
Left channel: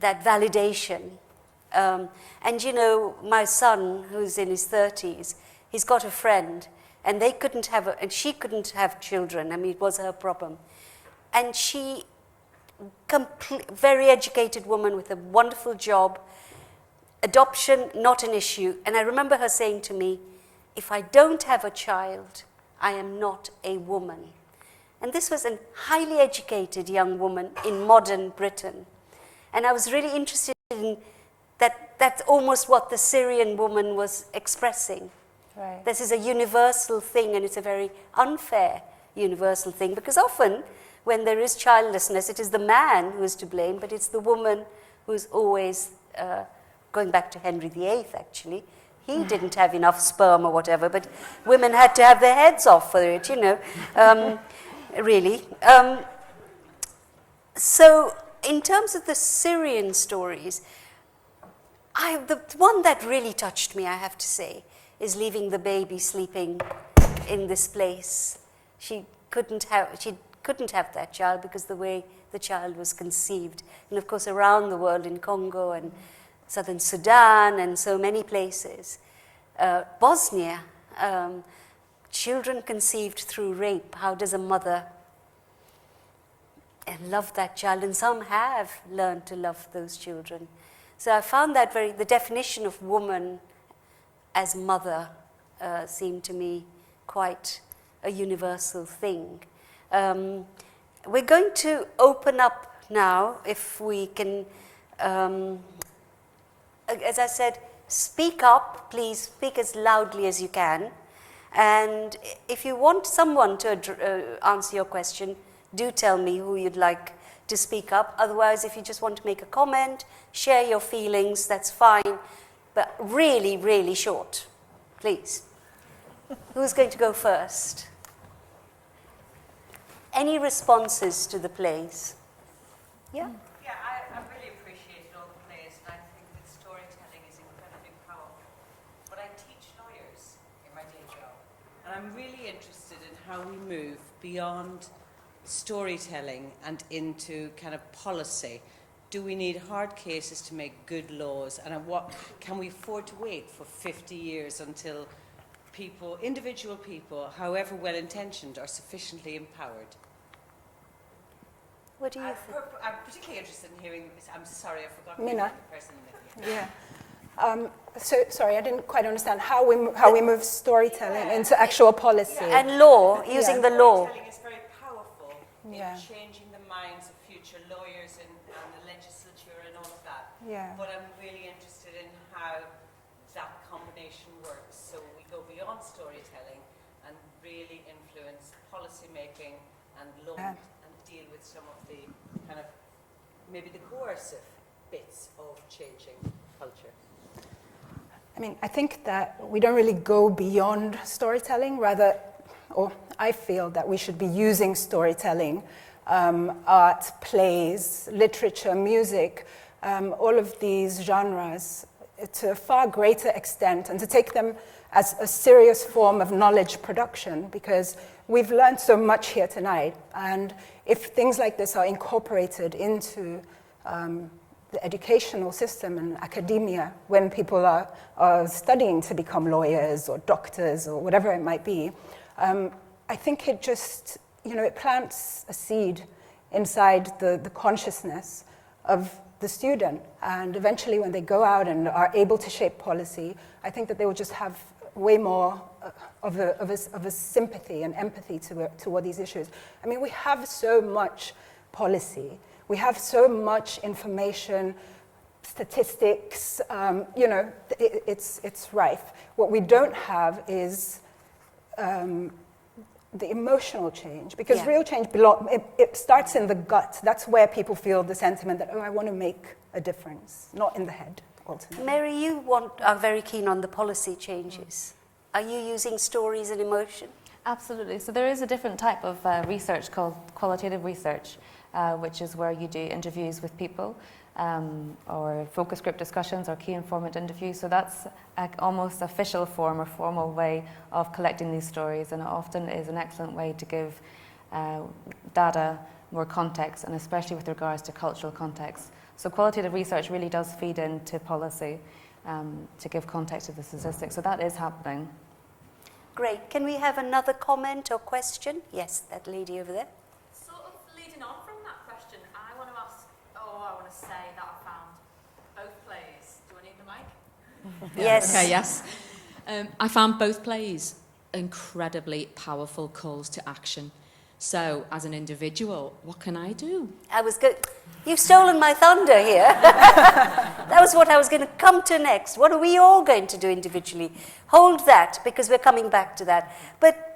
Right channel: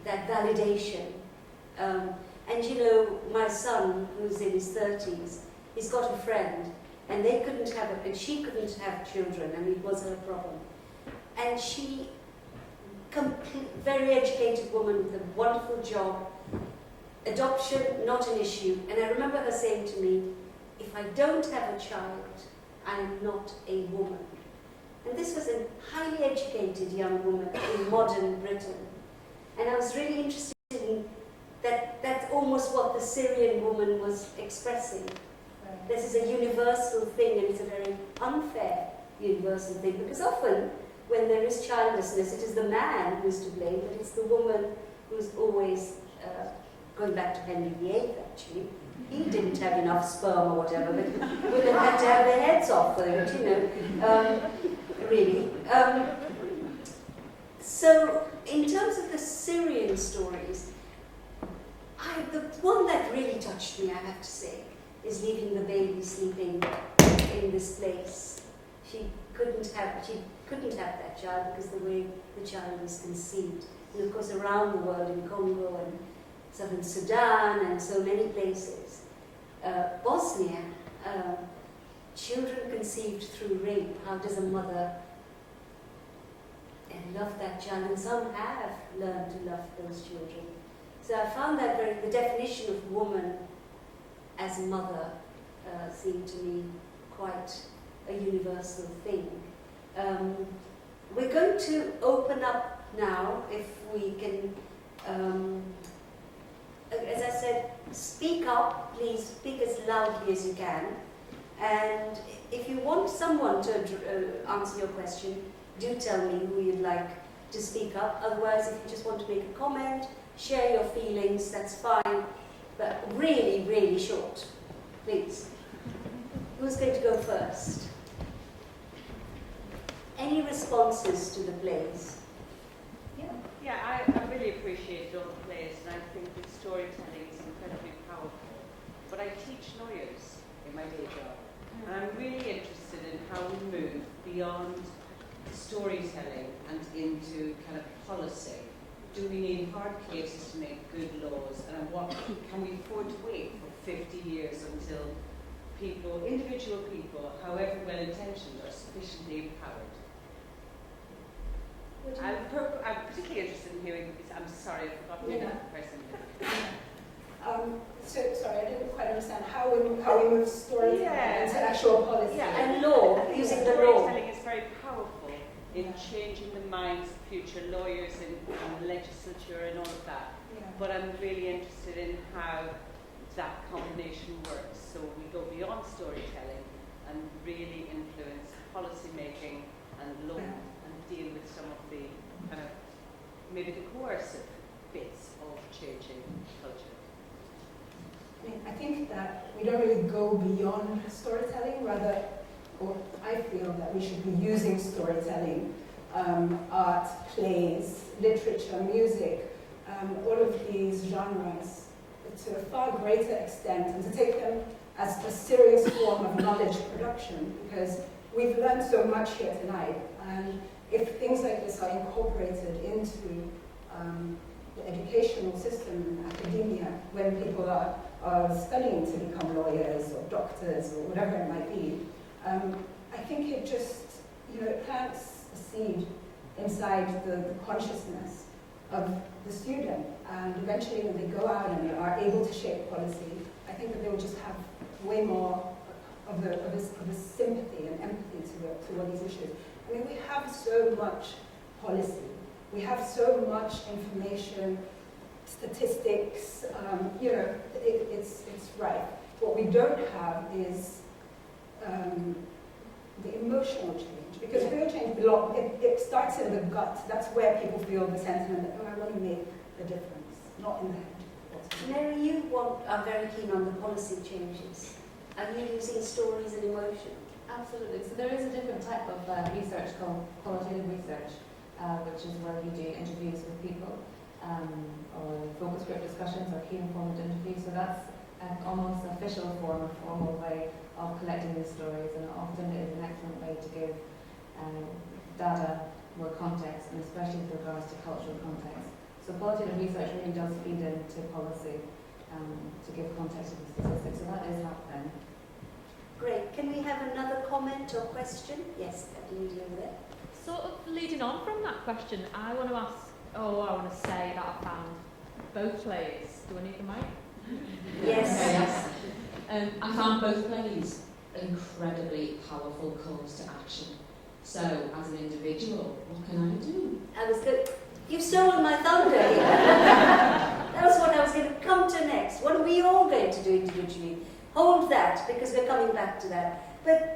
that validation. And my son, who's in his 30s, he's got a friend, and they couldn't have, and she couldn't have children. I mean, it was her problem. And she, very educated woman with a wonderful job, adoption, not an issue. And I remember her saying to me, if I don't have a child, I am not a woman. And this was a highly educated young woman in modern Britain. And I was really interested in that's almost what the Syrian woman was expressing. Right. This is a universal thing, and it's a very unfair universal thing, because often when there is childlessness, it is the man who is to blame, but it's the woman who's always, going back to Henry VIII actually, he didn't have enough sperm or whatever, but women had to have their heads off for it, really. So in terms of the Syrian stories, the one that really touched me, I have to say, is leaving the baby sleeping in this place. She couldn't have that child because the way the child was conceived. And of course around the world, in Congo and southern Sudan and so many places. Bosnia, children conceived through rape. How does a mother love that child? And some have learned to love those children. So I found that the definition of woman as mother seemed to me quite a universal thing. We're going to open up now, if we can, as I said, speak up, please speak as loudly as you can. And if you want someone to answer your question, do tell me who you'd like to speak up. Otherwise, if you just want to make a comment, share your feelings, that's fine. But really, really short, please. Who's going to go first? Any responses to the plays? Yeah? Yeah, I really appreciated all the plays, and I think that storytelling is incredibly powerful. But I teach lawyers in my day job, and I'm really interested in how we move beyond storytelling and into kind of policy. Do we need hard cases to make good laws, and what can we afford to wait for 50 years until people, individual people, however well-intentioned, are sufficiently empowered? What do you I'm particularly interested in hearing, I'm sorry, I forgot Mina. the person. Yeah. So sorry, I didn't quite understand how we move storytelling into actual policy. And law, using the law. Storytelling is very powerful in Yeah. changing the minds of future lawyers and the legislature and all of that. Yeah. But I'm really interested in how that combination works. So we go beyond storytelling and really influence policy making and look and deal with some of the kind of maybe the coercive bits of changing culture. I mean, I think that we don't really go beyond storytelling, rather, or I feel that we should be using storytelling, art, plays, literature, music, all of these genres to a far greater extent, and to take them as a serious form of knowledge production, because we've learned so much here tonight, and if things like this are incorporated into the educational system and academia, when people are studying to become lawyers or doctors or whatever it might be, I think it just, it plants a seed inside the consciousness of the student, and eventually when they go out and are able to shape policy, I think that they will just have way more of a sympathy and empathy toward these issues. I mean, we have so much policy, we have so much information, statistics, it's rife. What we don't have is the emotional change, because real change it starts in the gut. That's where people feel the sentiment that, I want to make a difference, not in the head. Ultimately. Mary, you are very keen on the policy changes. Are you using stories and emotion? Absolutely. So there is a different type of research called qualitative research, which is where you do interviews with people, or focus group discussions or key informant interviews. So that's almost official form or formal way of collecting these stories, and it often is an excellent way to give data more context, and especially with regards to cultural context. So qualitative research really does feed into policy to give context to the statistics. So that is happening. Great. Can we have another comment or question? Yes, that lady over there. Sort of leading on from that question, I want to say that I found both plays. Do I need the mic? Yes. Okay, yes. I found both plays incredibly powerful calls to action. So, as an individual, what can I do? You've stolen my thunder here. That was what I was going to come to next. What are we all going to do individually? Hold that, because we're coming back to that. But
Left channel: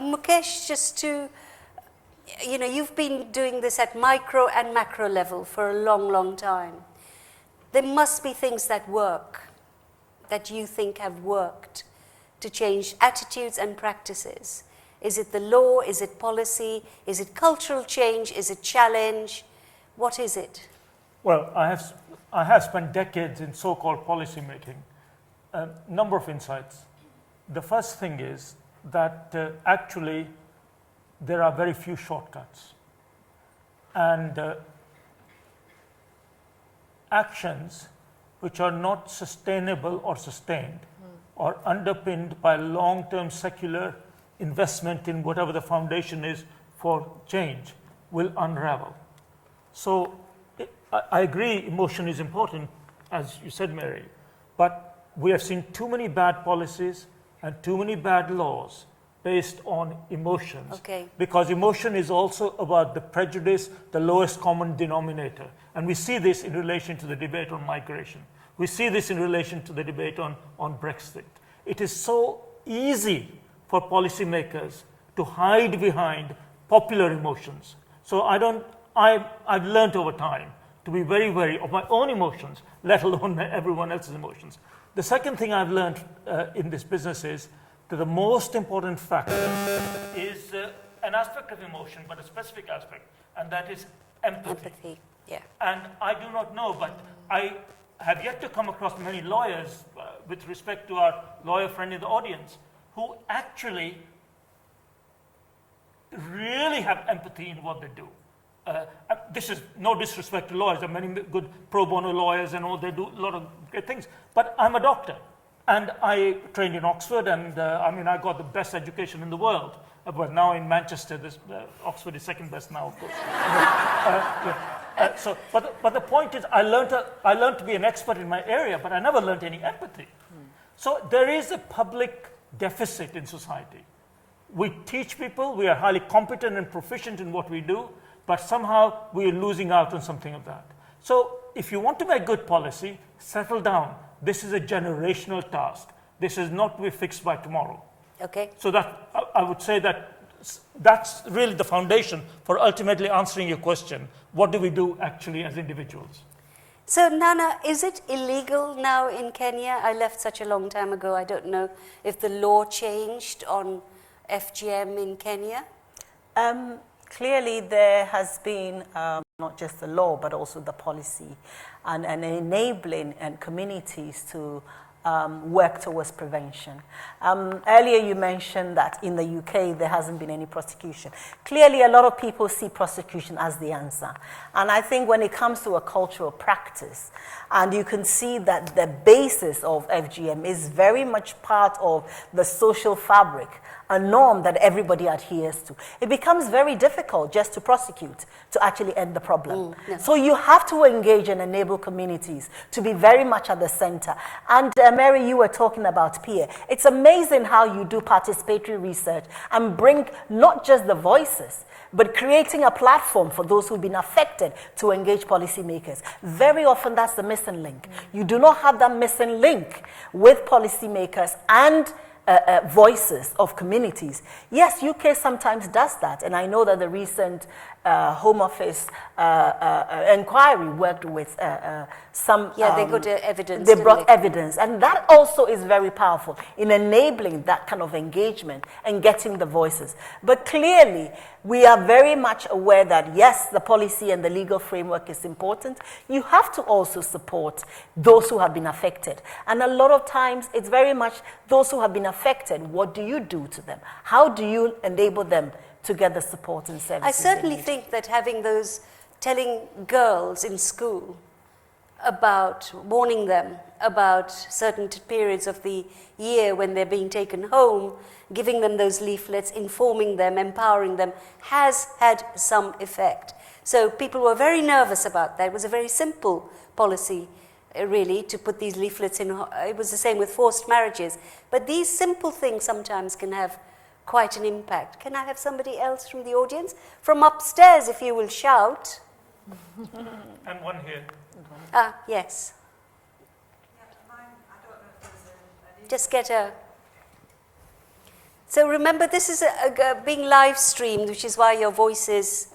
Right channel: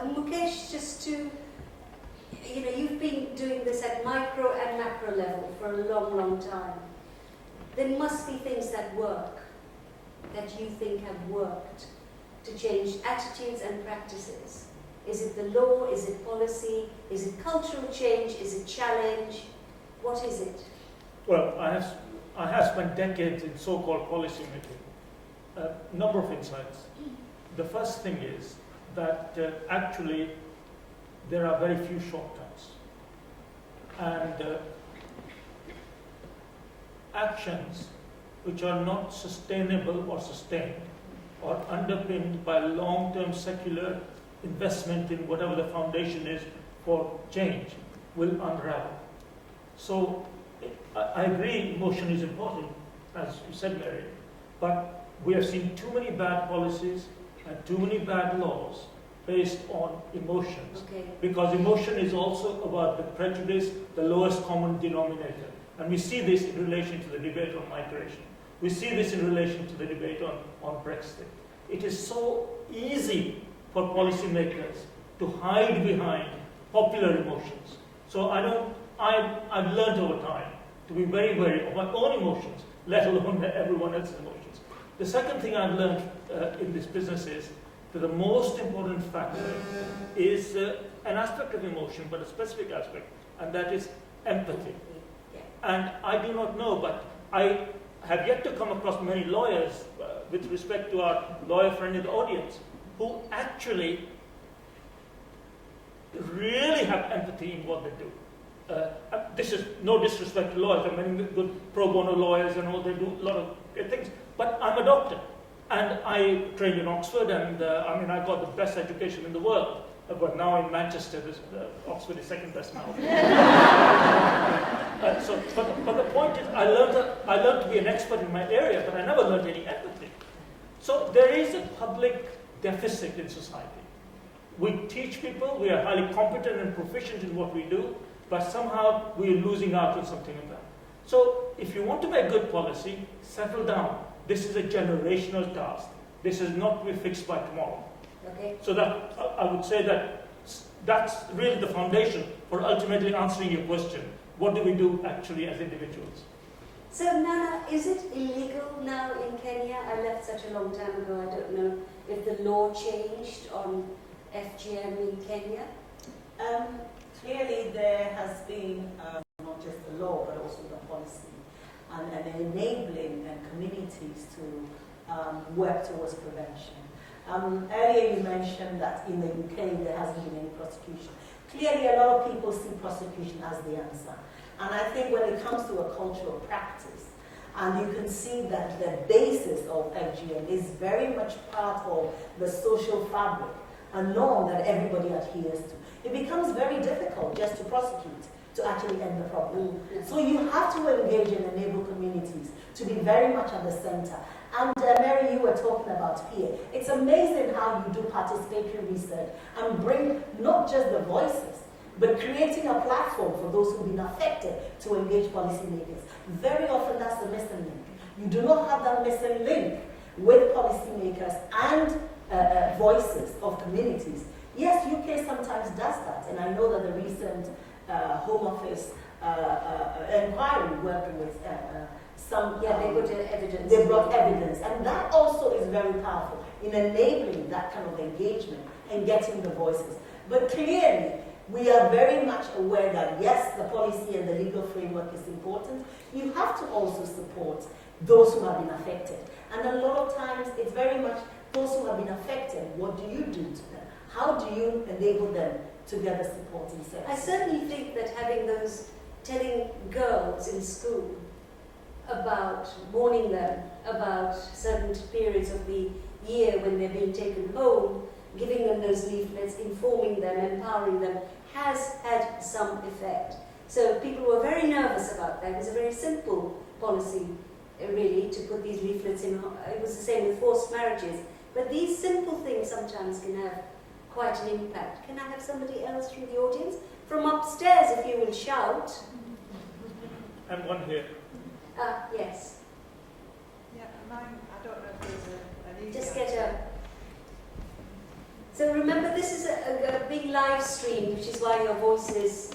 Mukesh, just to you know, you've been doing this at micro and macro level for a long, long time. There must be things that work, that you think have worked to change attitudes and practices. Is it the law? Is it policy? Is it cultural change? Is it challenge? What is it? Well, I have spent decades in so-called policy making. A number of insights. The first thing is that actually there are very few shortcuts. And actions which are not sustainable or sustained or underpinned by long-term secular investment in whatever the foundation is for change will unravel. So I agree emotion is important, as you said, Mary, but we have seen too many bad policies and too many bad laws based on emotions. Okay. Because emotion is also about the prejudice, the lowest common denominator. And we see this in relation to the debate on migration. We see this in relation to the debate on Brexit. It is so easy for policymakers to hide behind popular emotions. So I've learned over time to be very wary of my own emotions, let alone everyone else's emotions. The second thing I've learned in this business is that the most important factor is an aspect of emotion, but a specific aspect, and that is empathy. Yeah. And I do not know, but I have yet to come across many lawyers, with respect to our lawyer friend in the audience, who actually really have empathy in what they do. This is no disrespect to lawyers. There are many good pro bono lawyers and all, they do a lot of great things. But I'm a doctor, and I trained in Oxford, and I got the best education in the world. But now in Manchester, Oxford is second best now. But the point is, I learned to be an expert in my area, but I never learned any empathy. So there is a public deficit in society. We teach people, we are highly competent and proficient in what we do, but somehow we are losing out on something of that. So if you want to make good policy, settle down. This is a generational task. This is not to be fixed by tomorrow. Okay. So that I would say that that's really the foundation for ultimately answering your question. What do we do actually as individuals? So Nana, is it illegal now in Kenya? I left such a long time ago. I don't know if the law changed on FGM in Kenya. Clearly there has been not just the law but also the policy and enabling and communities to work towards prevention. Earlier you mentioned that in the UK there hasn't been any prosecution. Clearly a lot of people see prosecution as the answer. And I think when it comes to a cultural practice, and you can see that the basis of FGM is very much part of the social fabric, a norm that everybody adheres to, it becomes very difficult just to prosecute, to actually end the problem. Yes. So you have to engage and enable communities to be very much at the center. And Mary, you were talking about peer. It's amazing how you do participatory research and bring not just the voices, but creating a platform for those who've been affected to engage policymakers. Very often that's the missing link. You do not have that missing link with policymakers and voices of communities. Yes, UK sometimes does that, and I know that the recent Home Office inquiry worked with some... Yeah, they got evidence. They brought evidence, and that also is very powerful in enabling that kind of engagement and getting the voices. But clearly, we are very much aware that, yes, the policy and the legal framework is important. You have to also support those who have been affected. And a lot of times, it's very much those who have been affected, what do you do to them? How do you enable them to get the support and services? I certainly think that having those, telling girls in school about, warning them about certain periods of the year when they're being taken home, giving them those leaflets, informing them, empowering them, has had some effect. So people were very nervous about that. It was a very simple policy, really, to put these leaflets in. It was the same with forced marriages. But these simple things sometimes can have quite an impact. Can I have somebody else from the audience? From upstairs, if you will shout. And one here. Yes. Yeah, mine, I don't know if there's an Just get a... So remember, this is being live streamed, which is why your voices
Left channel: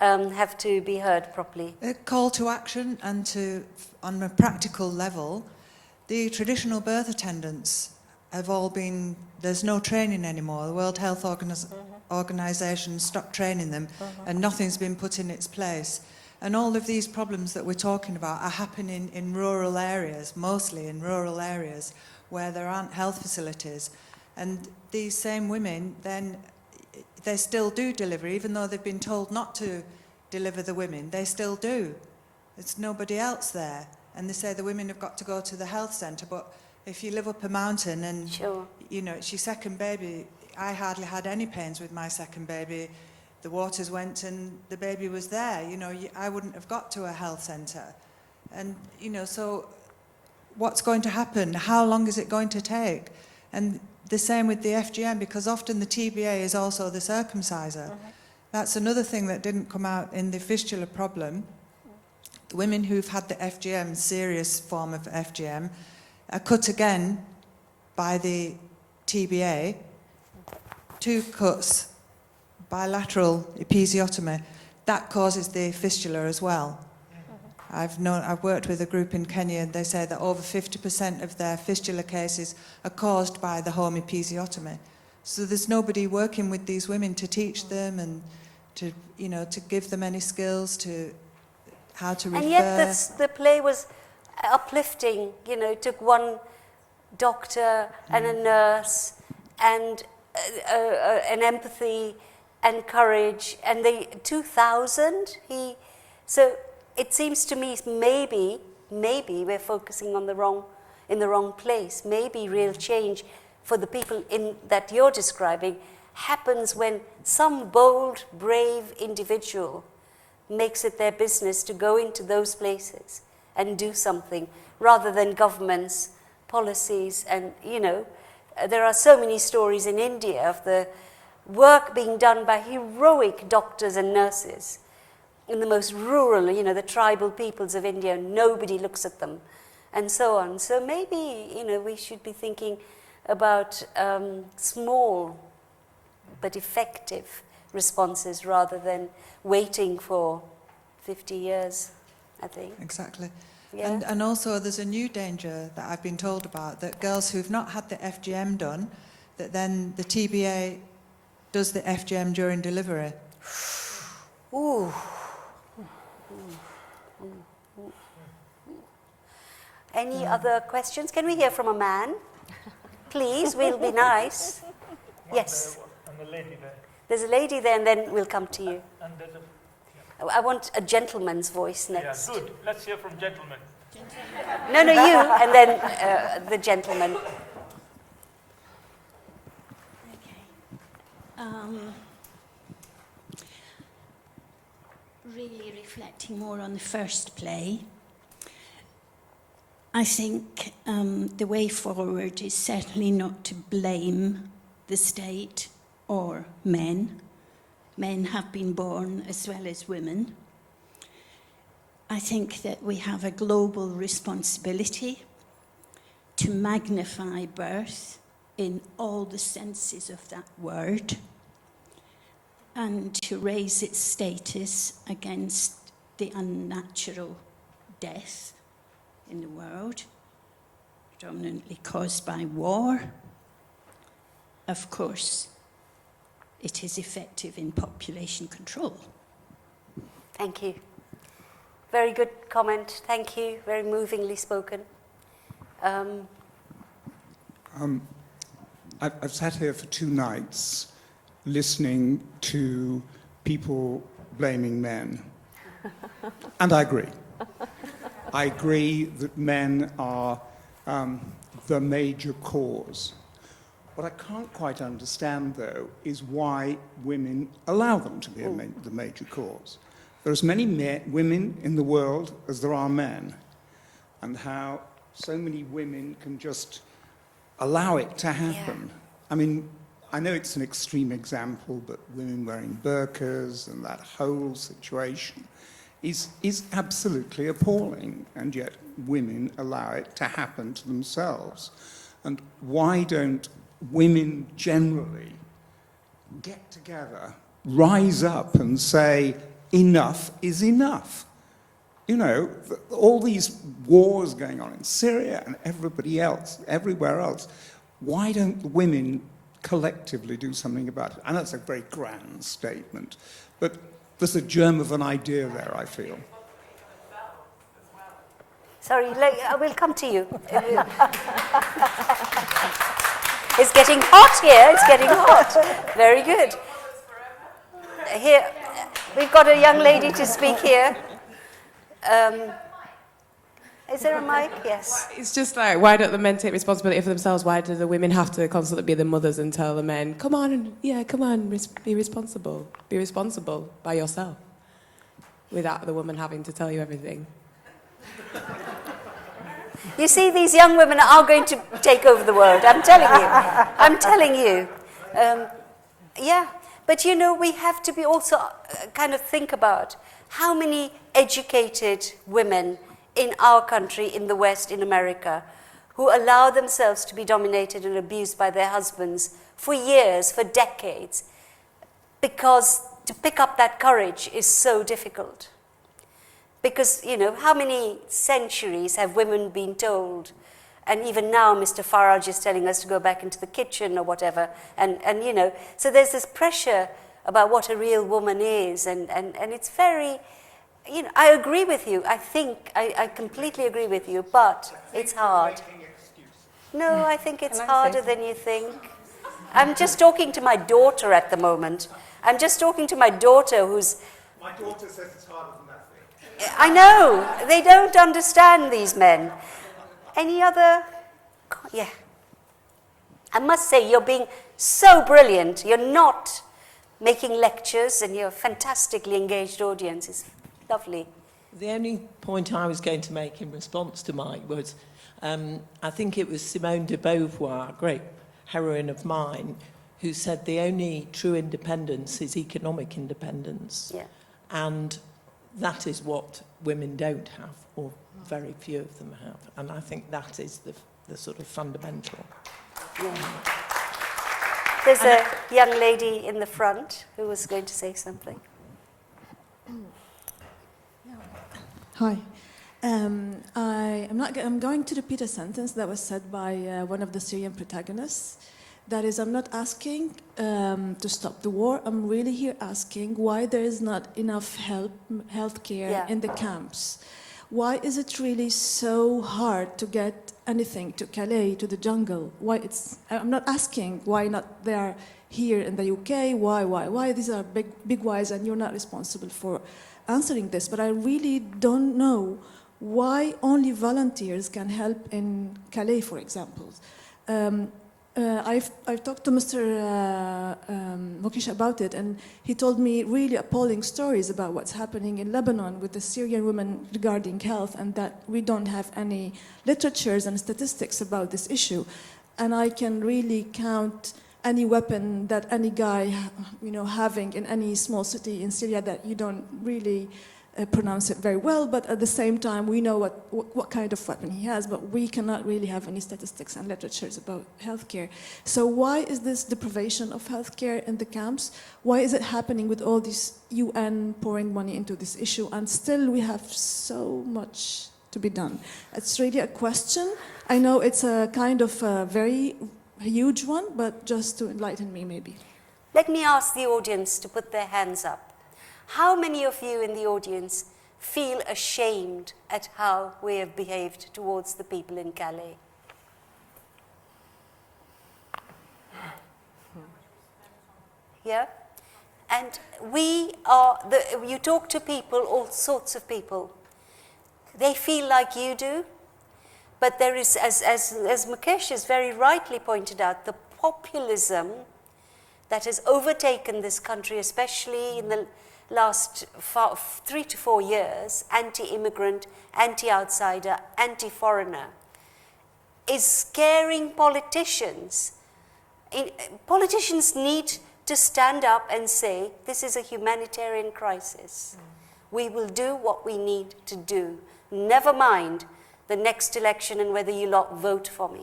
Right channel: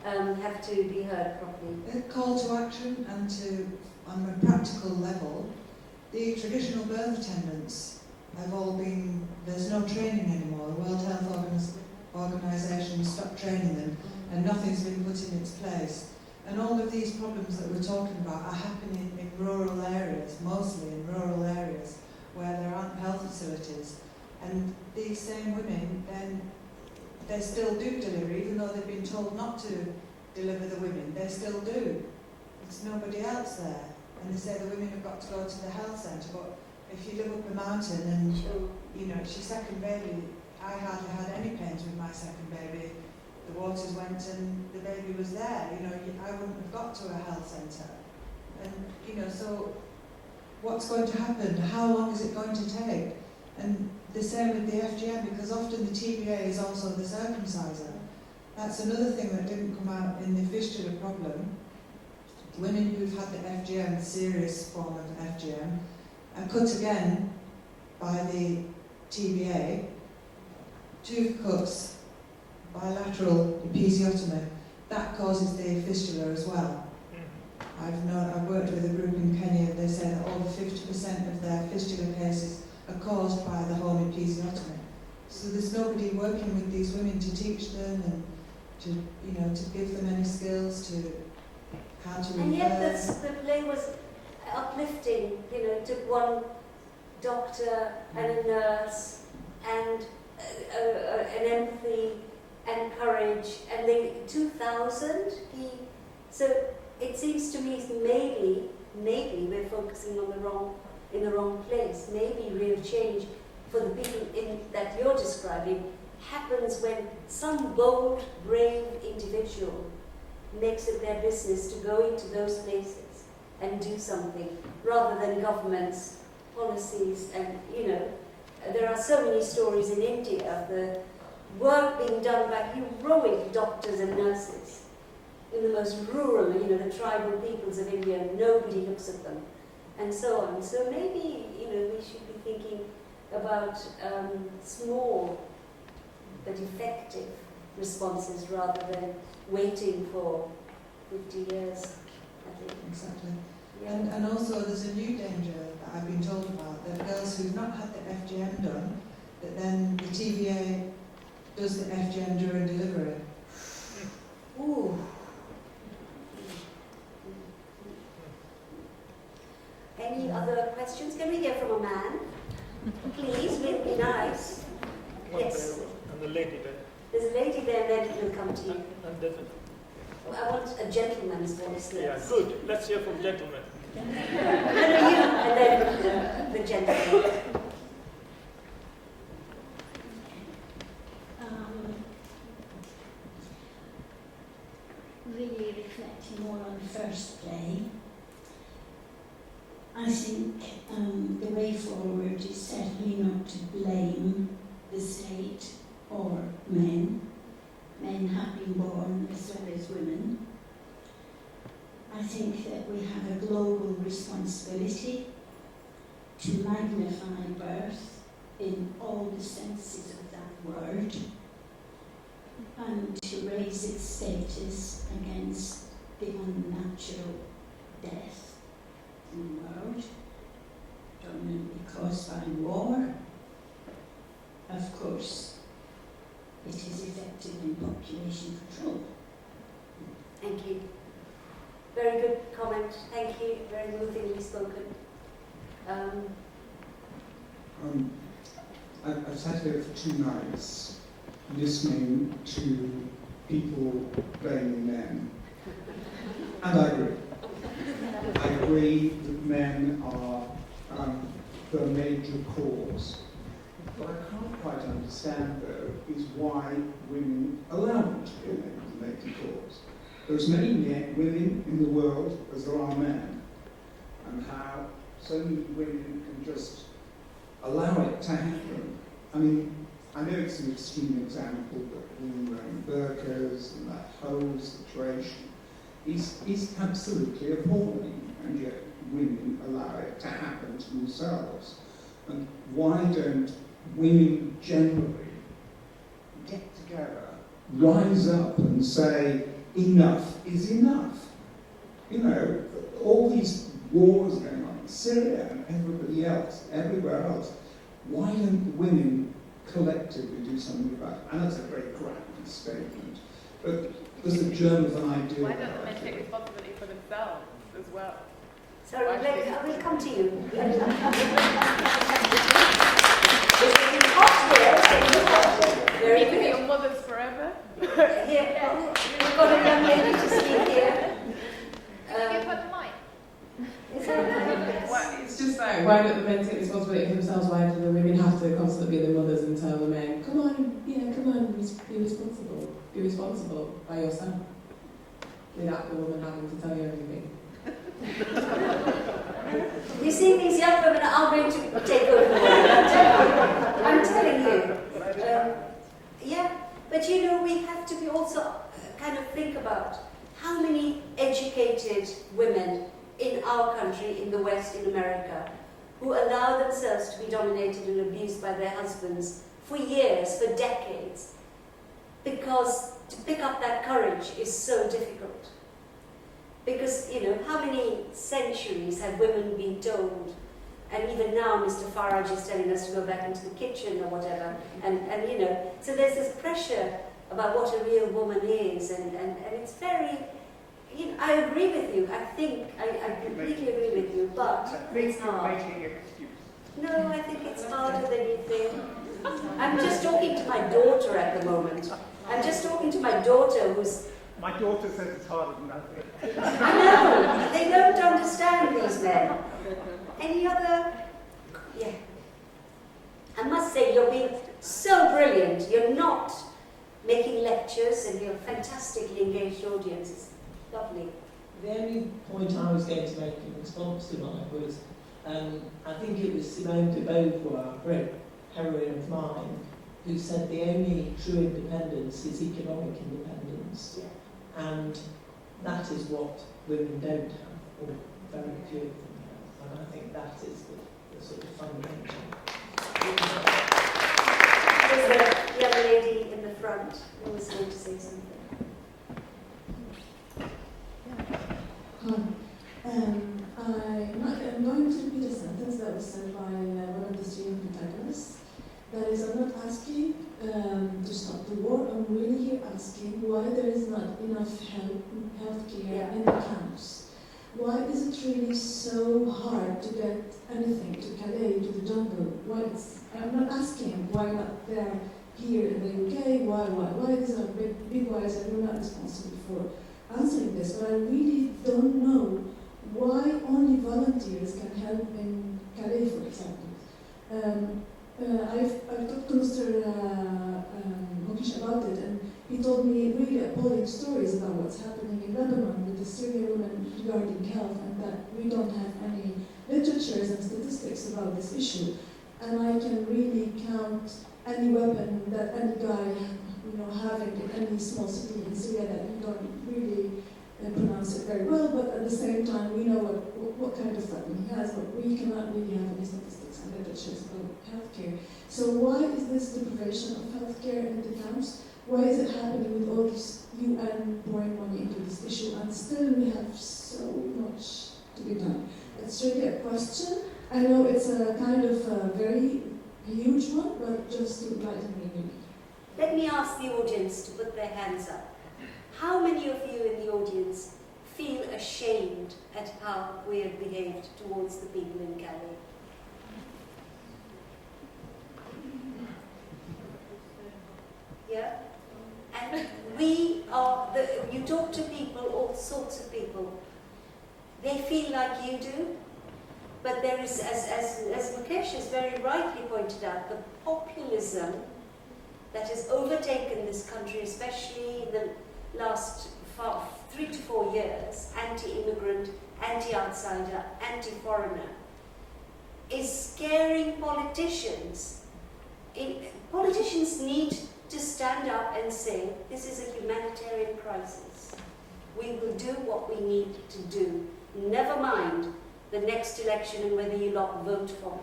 have to be heard properly. A call to action, and on a practical level, the traditional birth attendants have all been, there's no training anymore. The World Health Organization stopped training them, and nothing's been put in its place. And all of these problems that we're talking about are happening in rural areas, mostly in rural areas, where there aren't health facilities. And these same women, then, they still do deliver, even though they've been told not to deliver the women. They still do. There's nobody else there. And they say the women have got to go to the health centre, but if you live up a mountain and, Sure. you know, it's your second baby, I hardly had any pains with my second baby. The waters went and the baby was there. You know, I wouldn't have got to a health centre. And, you know, so what's going to happen? How long is it going to take? And the same with the FGM, because often the TBA is also the circumciser. That's another thing that didn't come out in the fistula problem. The women who've had the FGM, serious form of FGM, are cut again by the TBA, 2 cuts, bilateral episiotomy. That causes the fistula as well. I've worked with a group in Kenya. They say that over 50% of their fistula cases are caused by the home episiotomy. So there's nobody working with these women to teach them and to, you know, to give them any skills to how to refer. And yet the play was uplifting. You know, it took one doctor and a nurse and an empathy and courage, and they 2000. So it seems to me maybe we're focusing on in the wrong place. Maybe real change for the people that you're describing happens when some bold, brave individual makes it their business to go into those places and do something, rather than governments, policies. And, you know, there are so many stories in India of the work being done by heroic doctors and nurses in the most rural, you know, the tribal peoples of India. Nobody looks at them, and so on. So maybe, you know, we should be thinking about small but effective responses rather than waiting for 50 years, I think. Exactly. Yeah. And also there's a new danger that I've been told about, that girls who've not had the FGM done, that then the TBA does the FGM during delivery. Ooh. Any other questions? Can we hear from a man? Please, we'll be nice. Yes. And the lady there. There's a lady there, and then we'll come to you. And there's I want a gentleman's voice next. Yeah, good. Let's hear from gentlemen. No, you, and then the gentleman. Really reflecting more on the first play, I think the way forward is certainly not to blame the state or men. Men have been born as well as women. I think that we have a global responsibility to magnify birth in all the senses of that word, and to raise its status against the unnatural death in the world, predominantly caused by war. Of course, it is effective in population control. Thank you. Very good comment. Thank you. Very movingly spoken. I've sat here for 2 nights listening to people blaming men. And I agree. I agree that men are the major cause. What I can't quite understand, though, is why women allow them to be the major cause. There are as many women in the world as there are men, and how so many women can just allow it to happen. Yeah. I mean, I know it's an extreme example, but women wearing burqas and that whole situation is absolutely appalling, and yet women allow it to happen to themselves. And why don't women generally get together, rise up and say, enough is enough. You know, all these wars going on in Syria and everywhere else, why don't women collectively do something about it? I know it's a very grand statement, but there's a germ of an idea there, I feel. Take responsibility for themselves as well. Sorry, I will come to you. It's getting hot here, it's getting hot. Very good. Your mothers forever. Here, we've got a young lady to speak here. Is there a mic? Yes. Well, it's just like, why don't the men take responsibility for themselves? Why do the women have to constantly be the mothers and tell the men, come on, be responsible. Be responsible by yourself. Without the woman having to tell you everything. You see, these young women are going to take over the world, I'm telling you. I'm telling you. Yeah, but you know, we have to be also kind of think about how many educated women in our country, in the West, in America, who allow themselves to be dominated and abused by their husbands for years, for decades, because to pick up that courage is so difficult. Because, you know, how many centuries have women been told, and even now Mr. Farage is telling us to go back into the kitchen or whatever, and you know, so there's this pressure about what a real woman is, and it's very, you know, I agree with you. I completely agree with you, but it's hard. No, I think it's harder than you think. I'm just talking to my daughter at the moment. I'm just talking to my daughter who's... My daughter says it's harder than that. I know. They don't understand these men. Any other... Yeah. I must say, you're being so brilliant. You're not making lectures, and you're a fantastically engaged audience. It's lovely. The only point I was going to make in response to Mike was, I think it was Simone de Beauvoir, a great heroine of mine, who said the only true independence is economic independence. Yeah. And that is what women don't have, or very few of them have. And I think that is the sort of fundamental. There's a young lady in the front who was going to say something. Hi. I'm going to repeat a sentence that was said by one of the Syrian protagonists. That is, I'm not asking to stop the war. I'm really here asking why there is not enough healthcare in the camps. Why is it really so hard to get anything to Calais, to the jungle? I'm not asking why not they're here in the UK. Why these are big whys, and you're not responsible for answering this. But I really don't know why only volunteers can help in Calais, for example. I've talked to Mr. Mokish about it, and he told me really appalling stories about what's happening in Lebanon with the Syrian women regarding health, and that we don't have any literatures and statistics about this issue. And I can really count any weapon that any guy, having in any small city in Syria that you don't really pronounce it very well, but at the same time we know what kind of weapon he has, but we cannot really have any statistics and literatures about healthcare. So why is this deprivation of healthcare in the camps? Why is it happening with all this UN pouring money into this issue, and still we have so much to be done? It's really a question. I know it's a kind of a very huge one, but just to enlighten me maybe. Let me ask the audience to put their hands up. How many of you in the audience feel ashamed at how we have behaved towards the people in Calais? Yeah? And you talk to people, all sorts of people, they feel like you do, but there is, as Mukesh has very rightly pointed out, the populism that has overtaken this country, especially in the last 3 to 4 years, anti-immigrant, anti-outsider, anti-foreigner, is scaring politicians. Politicians need to stand up and say, this is a humanitarian crisis. We will do what we need to do. Never mind the next election and whether you lot vote for me.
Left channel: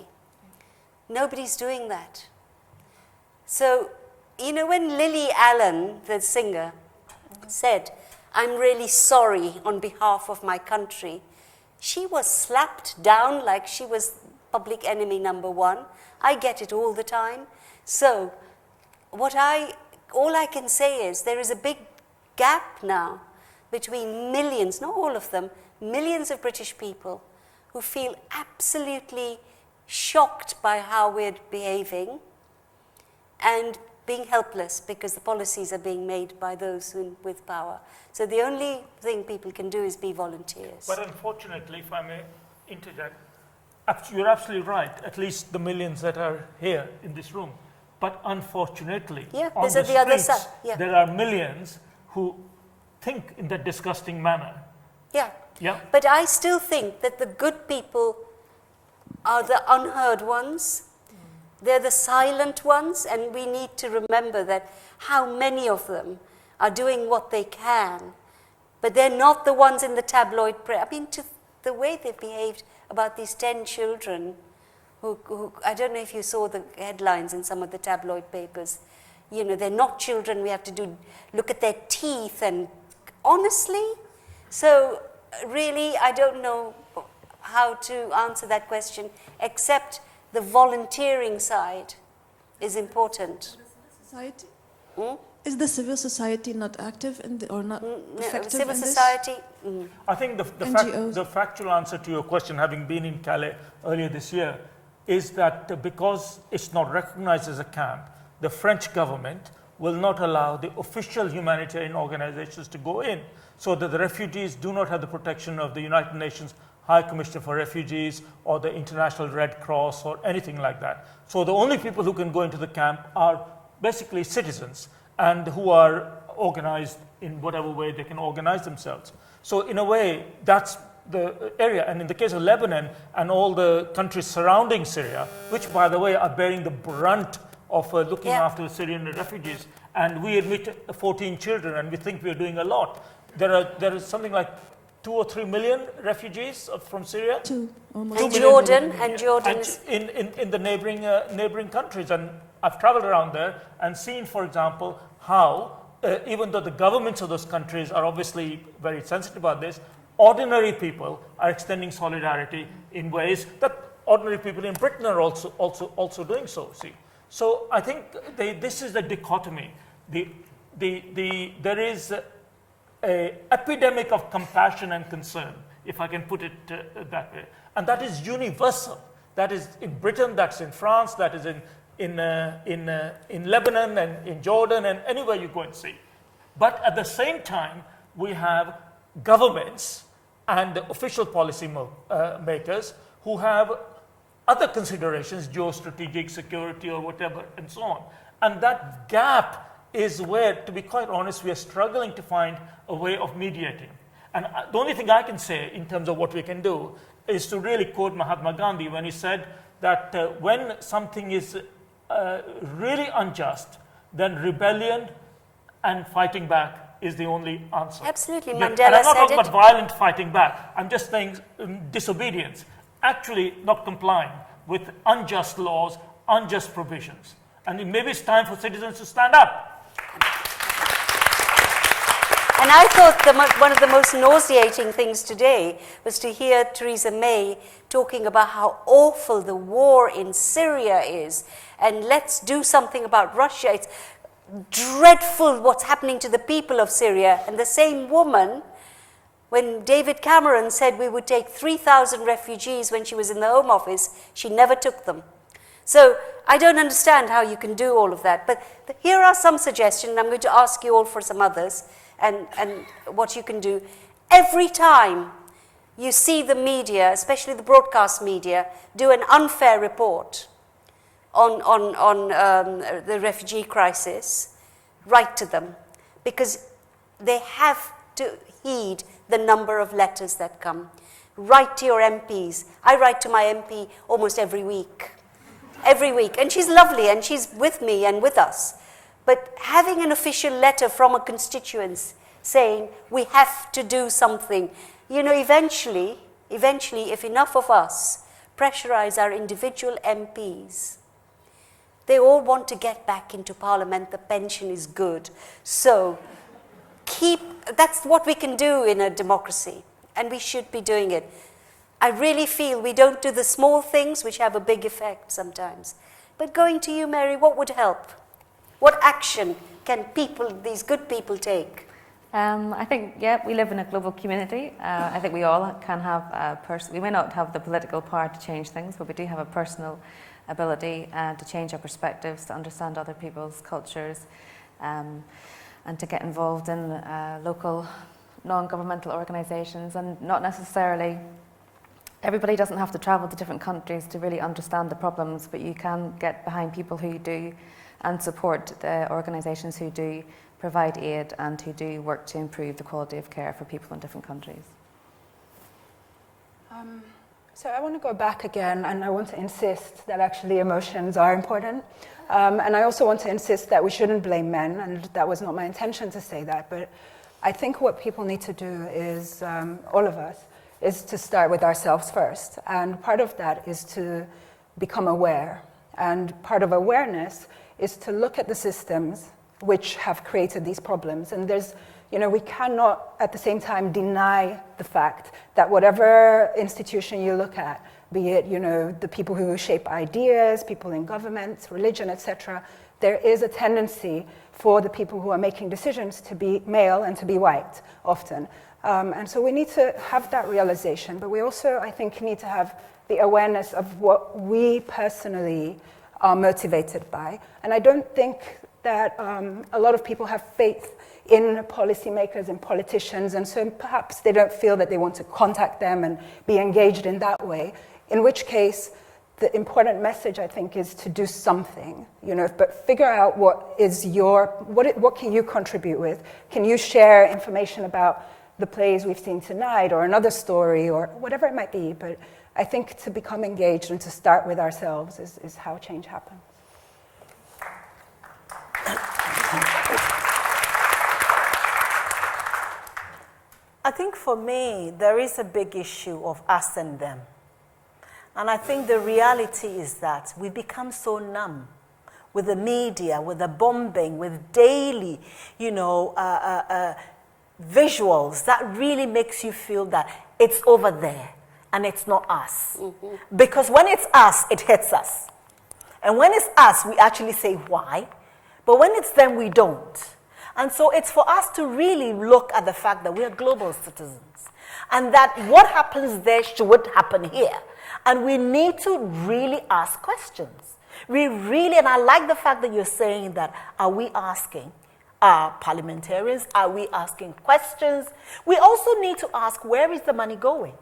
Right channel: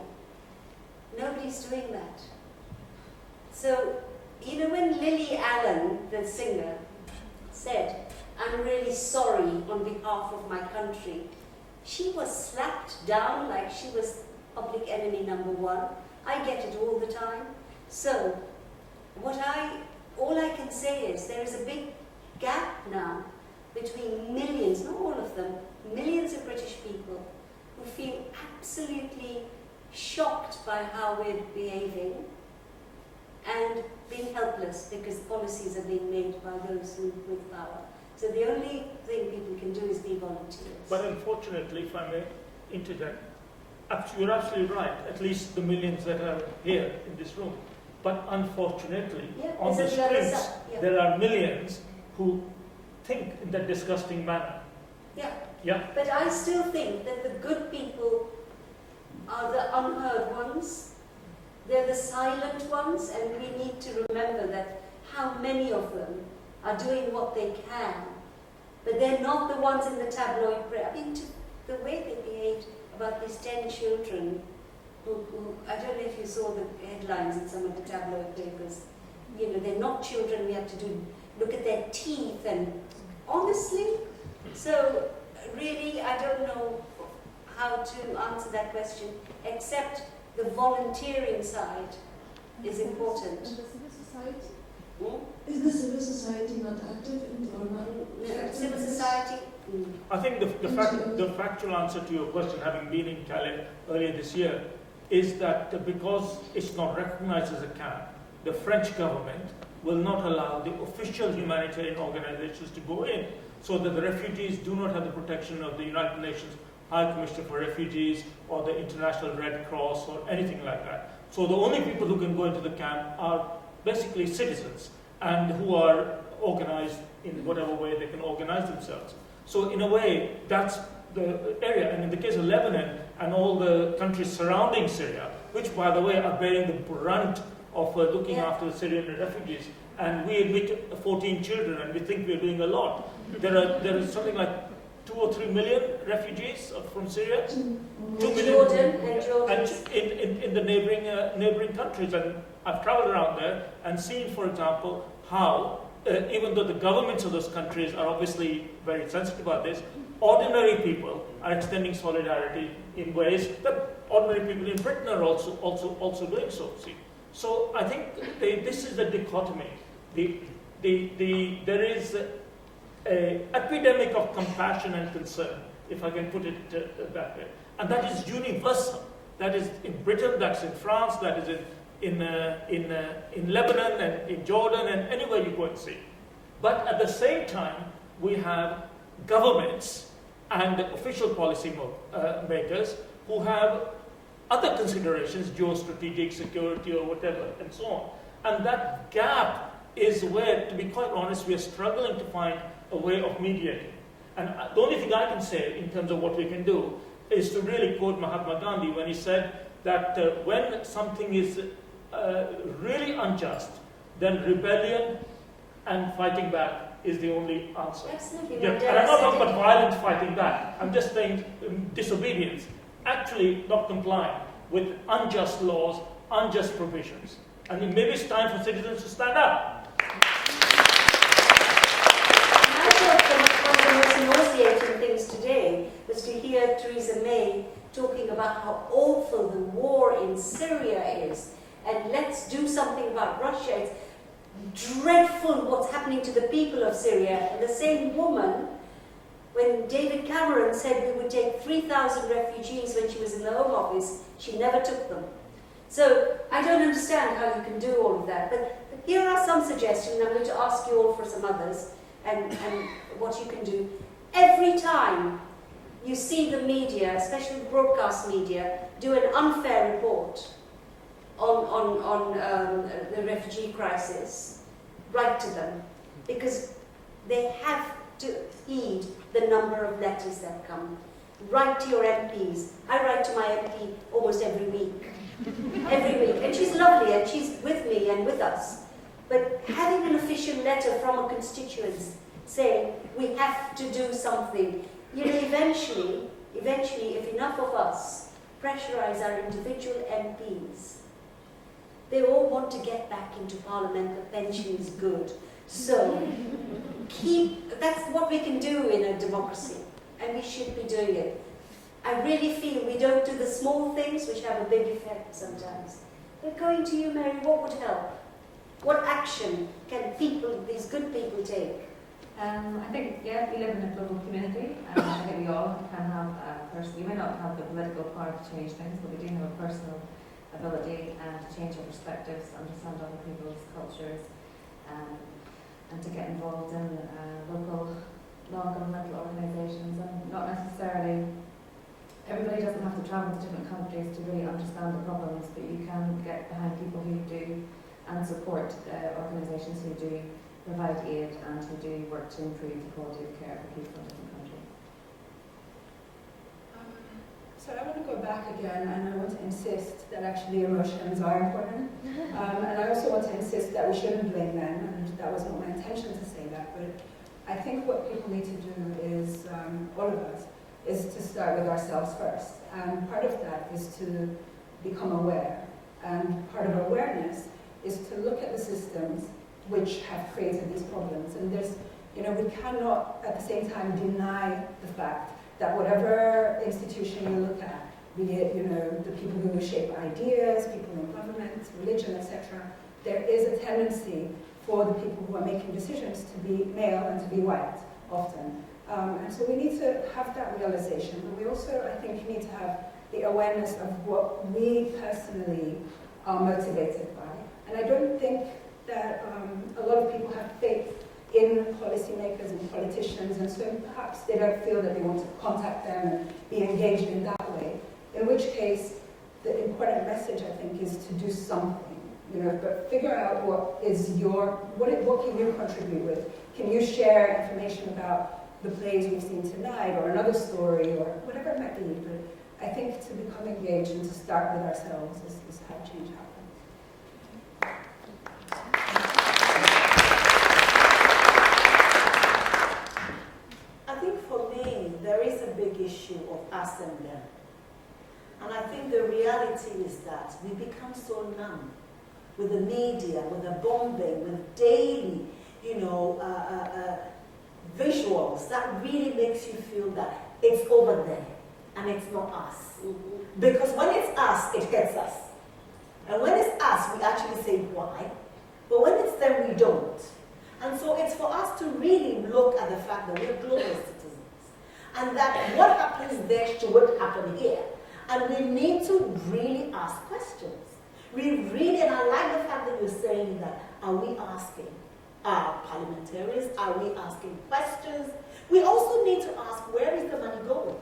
Nobody's doing that. So you know, when Lily Allen, the singer, said, "I'm really sorry on behalf of my country," she was slapped down like she was public enemy number one. I get it all the time. So, all I can say is there is a big gap now between millions, not all of them, millions of British people who feel absolutely shocked by how we're behaving and being helpless because the policies are being made by those with power. So the only thing people can do is be volunteers. But unfortunately, if I may interject, you're absolutely right, at least the millions that are here in this room. But unfortunately, on the other streets, side. Yeah. there are millions who think in that disgusting manner. Yeah. Yeah. But I still think that the good people are the unheard ones. They're the silent ones, and we need to remember that how many of them are doing what they can, but they're not the ones in the tabloid press. I mean, the way they behaved about these 10 children, who I don't know if you saw the headlines in some of the tabloid papers. You know, they're not children. We have to look at their teeth, and honestly, so really, I don't know how to answer that question, except the volunteering side is important. And the civil society? Hmm? Is the civil society not active or not effective civil in this? society? I think the factual answer to your question, having been in Calais earlier this year, is that because it's not recognized as a camp, the French government will not allow the official humanitarian organizations to go in, so that the refugees do not have the protection of the United Nations High Commissioner for Refugees or the International Red Cross or anything like that. So the only people who can go into the camp are basically citizens and who are organized in whatever way they can organize themselves. So in a way, that's the area. And in the case of Lebanon and all the countries surrounding Syria, which by the way are bearing the brunt of looking after the Syrian refugees, and we admit 14 children and we think we're doing a lot. There is something like 2 or 3 million refugees from Syria. And Jordan. In the neighboring countries. And I've traveled around there and seen, for example, how even though the governments of those countries are obviously very sensitive about this, ordinary people are extending solidarity in ways that ordinary people in Britain are also doing so. See, so I think this is the dichotomy. There is an epidemic of compassion and concern, if I can put it that way, and that is universal. That is in Britain, that's in France, that is in Lebanon and in Jordan and anywhere you go and see. But at the same time, we have governments and official policy makers who have other considerations, geostrategic, security or whatever, and so on. And that gap is where, to be quite honest, we are struggling to find a way of mediating. And the only thing I can say in terms of what we can do is to really quote Mahatma Gandhi when he said that when something is really unjust, then rebellion and fighting back is the only answer. Absolutely, And Mandela I'm not talking said about violent fighting back. I'm just saying disobedience, actually not complying with unjust laws, unjust provisions. And maybe it's time for citizens to stand up. And I thought one of the most nauseating things today was to hear Theresa May talking about how awful the war in Syria is, and let's do something about Russia. It's dreadful what's happening to the people of Syria. And the same woman, when David Cameron said we would take 3,000 refugees when she was in the Home Office, she never took them. So I don't understand how you can do all of that. But here are some suggestions. I'm going to ask you all for some others and what you can do. Every time you see the media, especially the broadcast media, do an unfair report on the refugee crisis, write to them, because they have to heed the number of letters that come. Write to your MPs. I write to my MP almost every week. Every week. And she's lovely, and she's with me and with us. But having an official letter from a constituent saying, we have to do something, you know, eventually, if enough of us pressurize our individual MPs They all want to get back into Parliament. The pension is good. So that's what we can do in a democracy, and we should be doing it. I really feel we don't do the small things which have a big effect sometimes. But going to you, Mary, what would help? What action can these good people take? I think, yeah, we live in a global community. I think we all can have we may not have the political power to change things, but we do have a personal ability to change our perspectives, to understand other people's cultures, and to get involved in local non-governmental organisations. And not necessarily, everybody doesn't have to travel to different countries to really understand the problems, but you can get behind people who do and support the organisations who do provide aid and who do work to improve the quality of care for people in different countries. So I want to go back again, and I want to insist that actually emotions are important. And I also want to insist that we shouldn't blame men, and that was not my intention to say that, but I think what people need to do is, all of us, is to start with ourselves first. And part of that is to become aware. And part of awareness is to look at the systems which have created these problems. And we cannot at the same time deny the fact that whatever institution you look at, be it, the people who shape ideas, people in government, religion, etc., there is a tendency for the people who are making decisions to be male and to be white, often. And so we need to have that realization, but we also, I think, need to have the awareness of what we personally are motivated by. And I don't think that a lot of people have faith in policymakers and politicians, and so perhaps they don't feel that they want to contact them and be engaged in that way, in which case the important message, I think, is to do something, but figure out what can you contribute with? Can you share information about the plays we've seen tonight, or another story, or whatever it might be? But I think to become engaged and to start with ourselves is how change happens. I think for me, there is a big issue of us and them. And I think the reality is that we become so numb with the media, with the bombing, with daily, visuals that really makes you feel that it's over there and it's not us. Mm-hmm. Because when it's us, it hits us. And when it's us, we actually say why. But when it's them, we don't. And so it's for us to really look at the fact that we are global citizens and that what happens there should happen here. And we need to really ask questions. And I like the fact that you're saying that, are we asking? Are parliamentarians, are we asking questions? We also need to ask, where is the money going?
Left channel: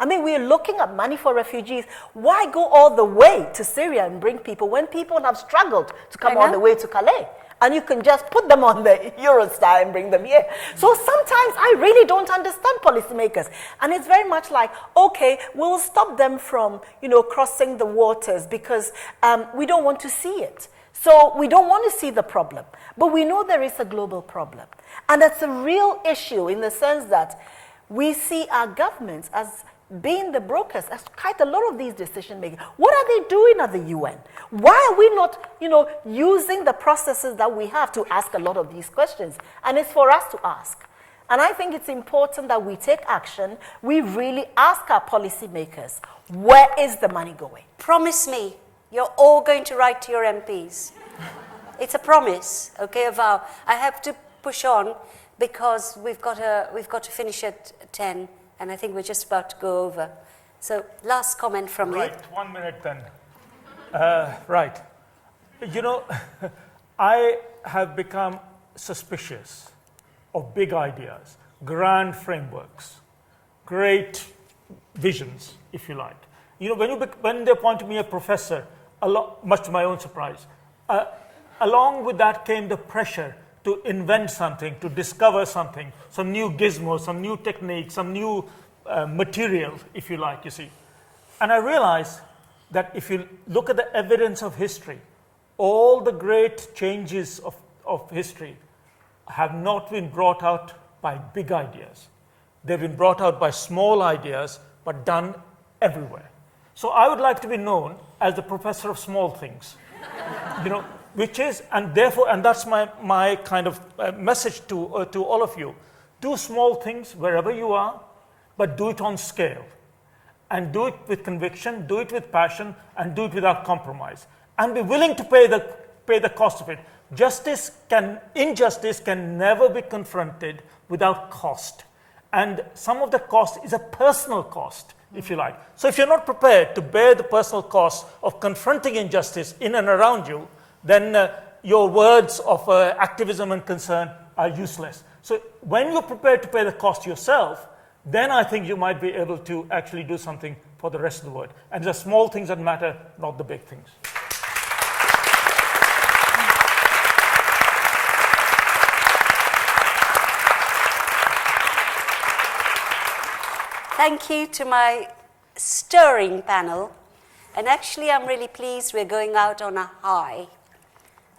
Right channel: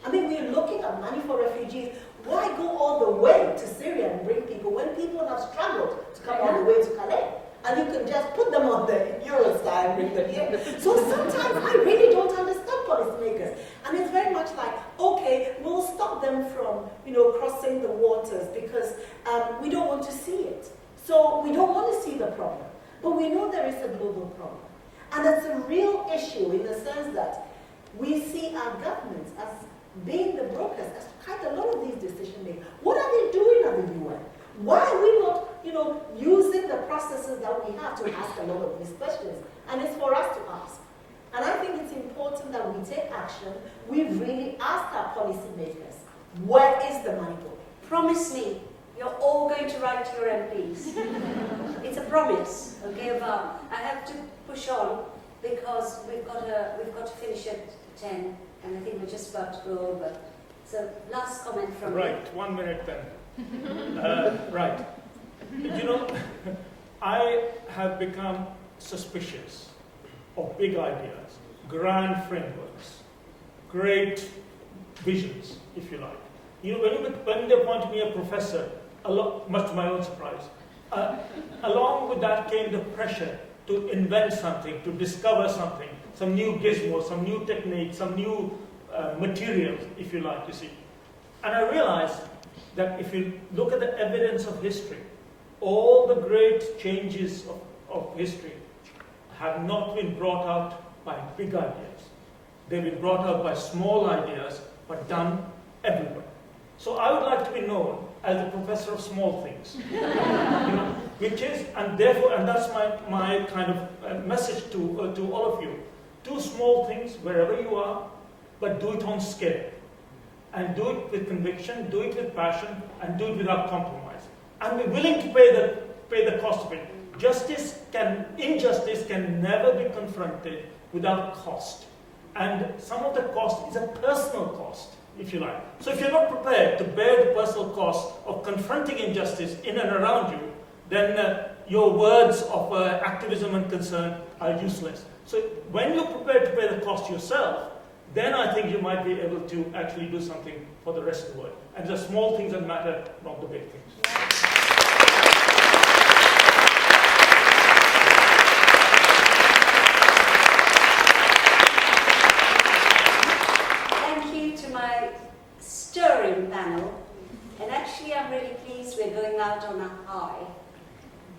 I mean, we're looking at money for refugees. Why go all the way to Syria and bring people when people have struggled to come all the way to Calais? And you can just put them on the Eurostar and bring them here. So sometimes I really don't understand policymakers. And it's very much like, okay, we'll stop them from, crossing the waters because we don't want to see it. So we don't want to see the problem. But we know there is a global problem. And it's a real issue in the sense that we see our governments as being the brokers, as quite a lot of these decision makers. What are they doing at the UN? Why are we not, using the processes that we have to ask a lot of these questions? And it's for us to ask. And I think it's important that we take action. We really ask our policymakers, where is the money going? Promise me, you're all going to write to your MPs. It's a promise, okay, a vow. I have to push on because we've got to finish at 10, and I think we're just about to go over. So, last comment from you. Right, 1 minute then. Right. I have become suspicious of big ideas, grand frameworks, great visions, if you like. When they appointed me a professor, much to my own surprise, along with that came the pressure to invent something, to discover something, some new gizmo, some new technique, some new material, if you like, you see. And I realized that if you look at the evidence of history, all the great changes of history have not been brought out by big ideas. They've been brought out by small ideas, but done everywhere. So I would like to be known as the professor of small things. Which is, and therefore, and that's my kind of message to all of you. Do small things wherever you are, but do it on scale. And do it with conviction, do it with passion, and do it without compromise. And be willing to pay the cost of it. Injustice can never be confronted without cost. And some of the cost is a personal cost, if you like. So if you're not prepared to bear the personal cost of confronting injustice in and around you, then your words of activism and concern are useless. So when you're prepared to pay the cost yourself, then I think you might be able to actually do something for the rest of the world. And the small things that matter, not the big things. Thank you to my stirring panel. And actually, I'm really pleased we're going out on a high.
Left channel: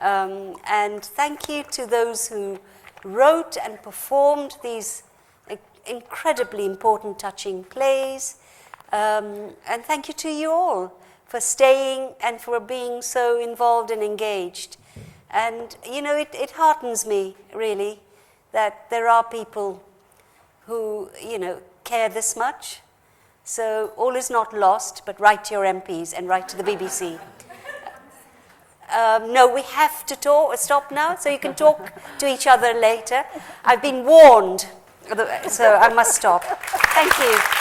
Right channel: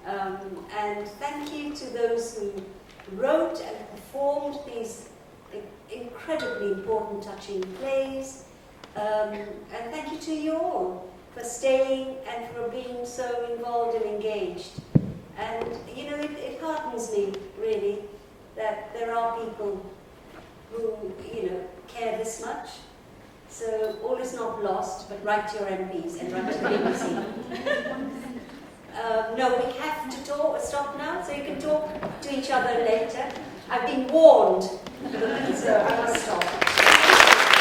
And thank you to those who wrote and performed these incredibly important, touching plays. And thank you to you all for staying and for being so involved and engaged. And, it heartens me, really, that there are people who, care this much. So all is not lost, but write to your MPs and write to the BBC. No, we have to stop now, so you can talk to each other later. I've been warned, so I must stop. Thank you.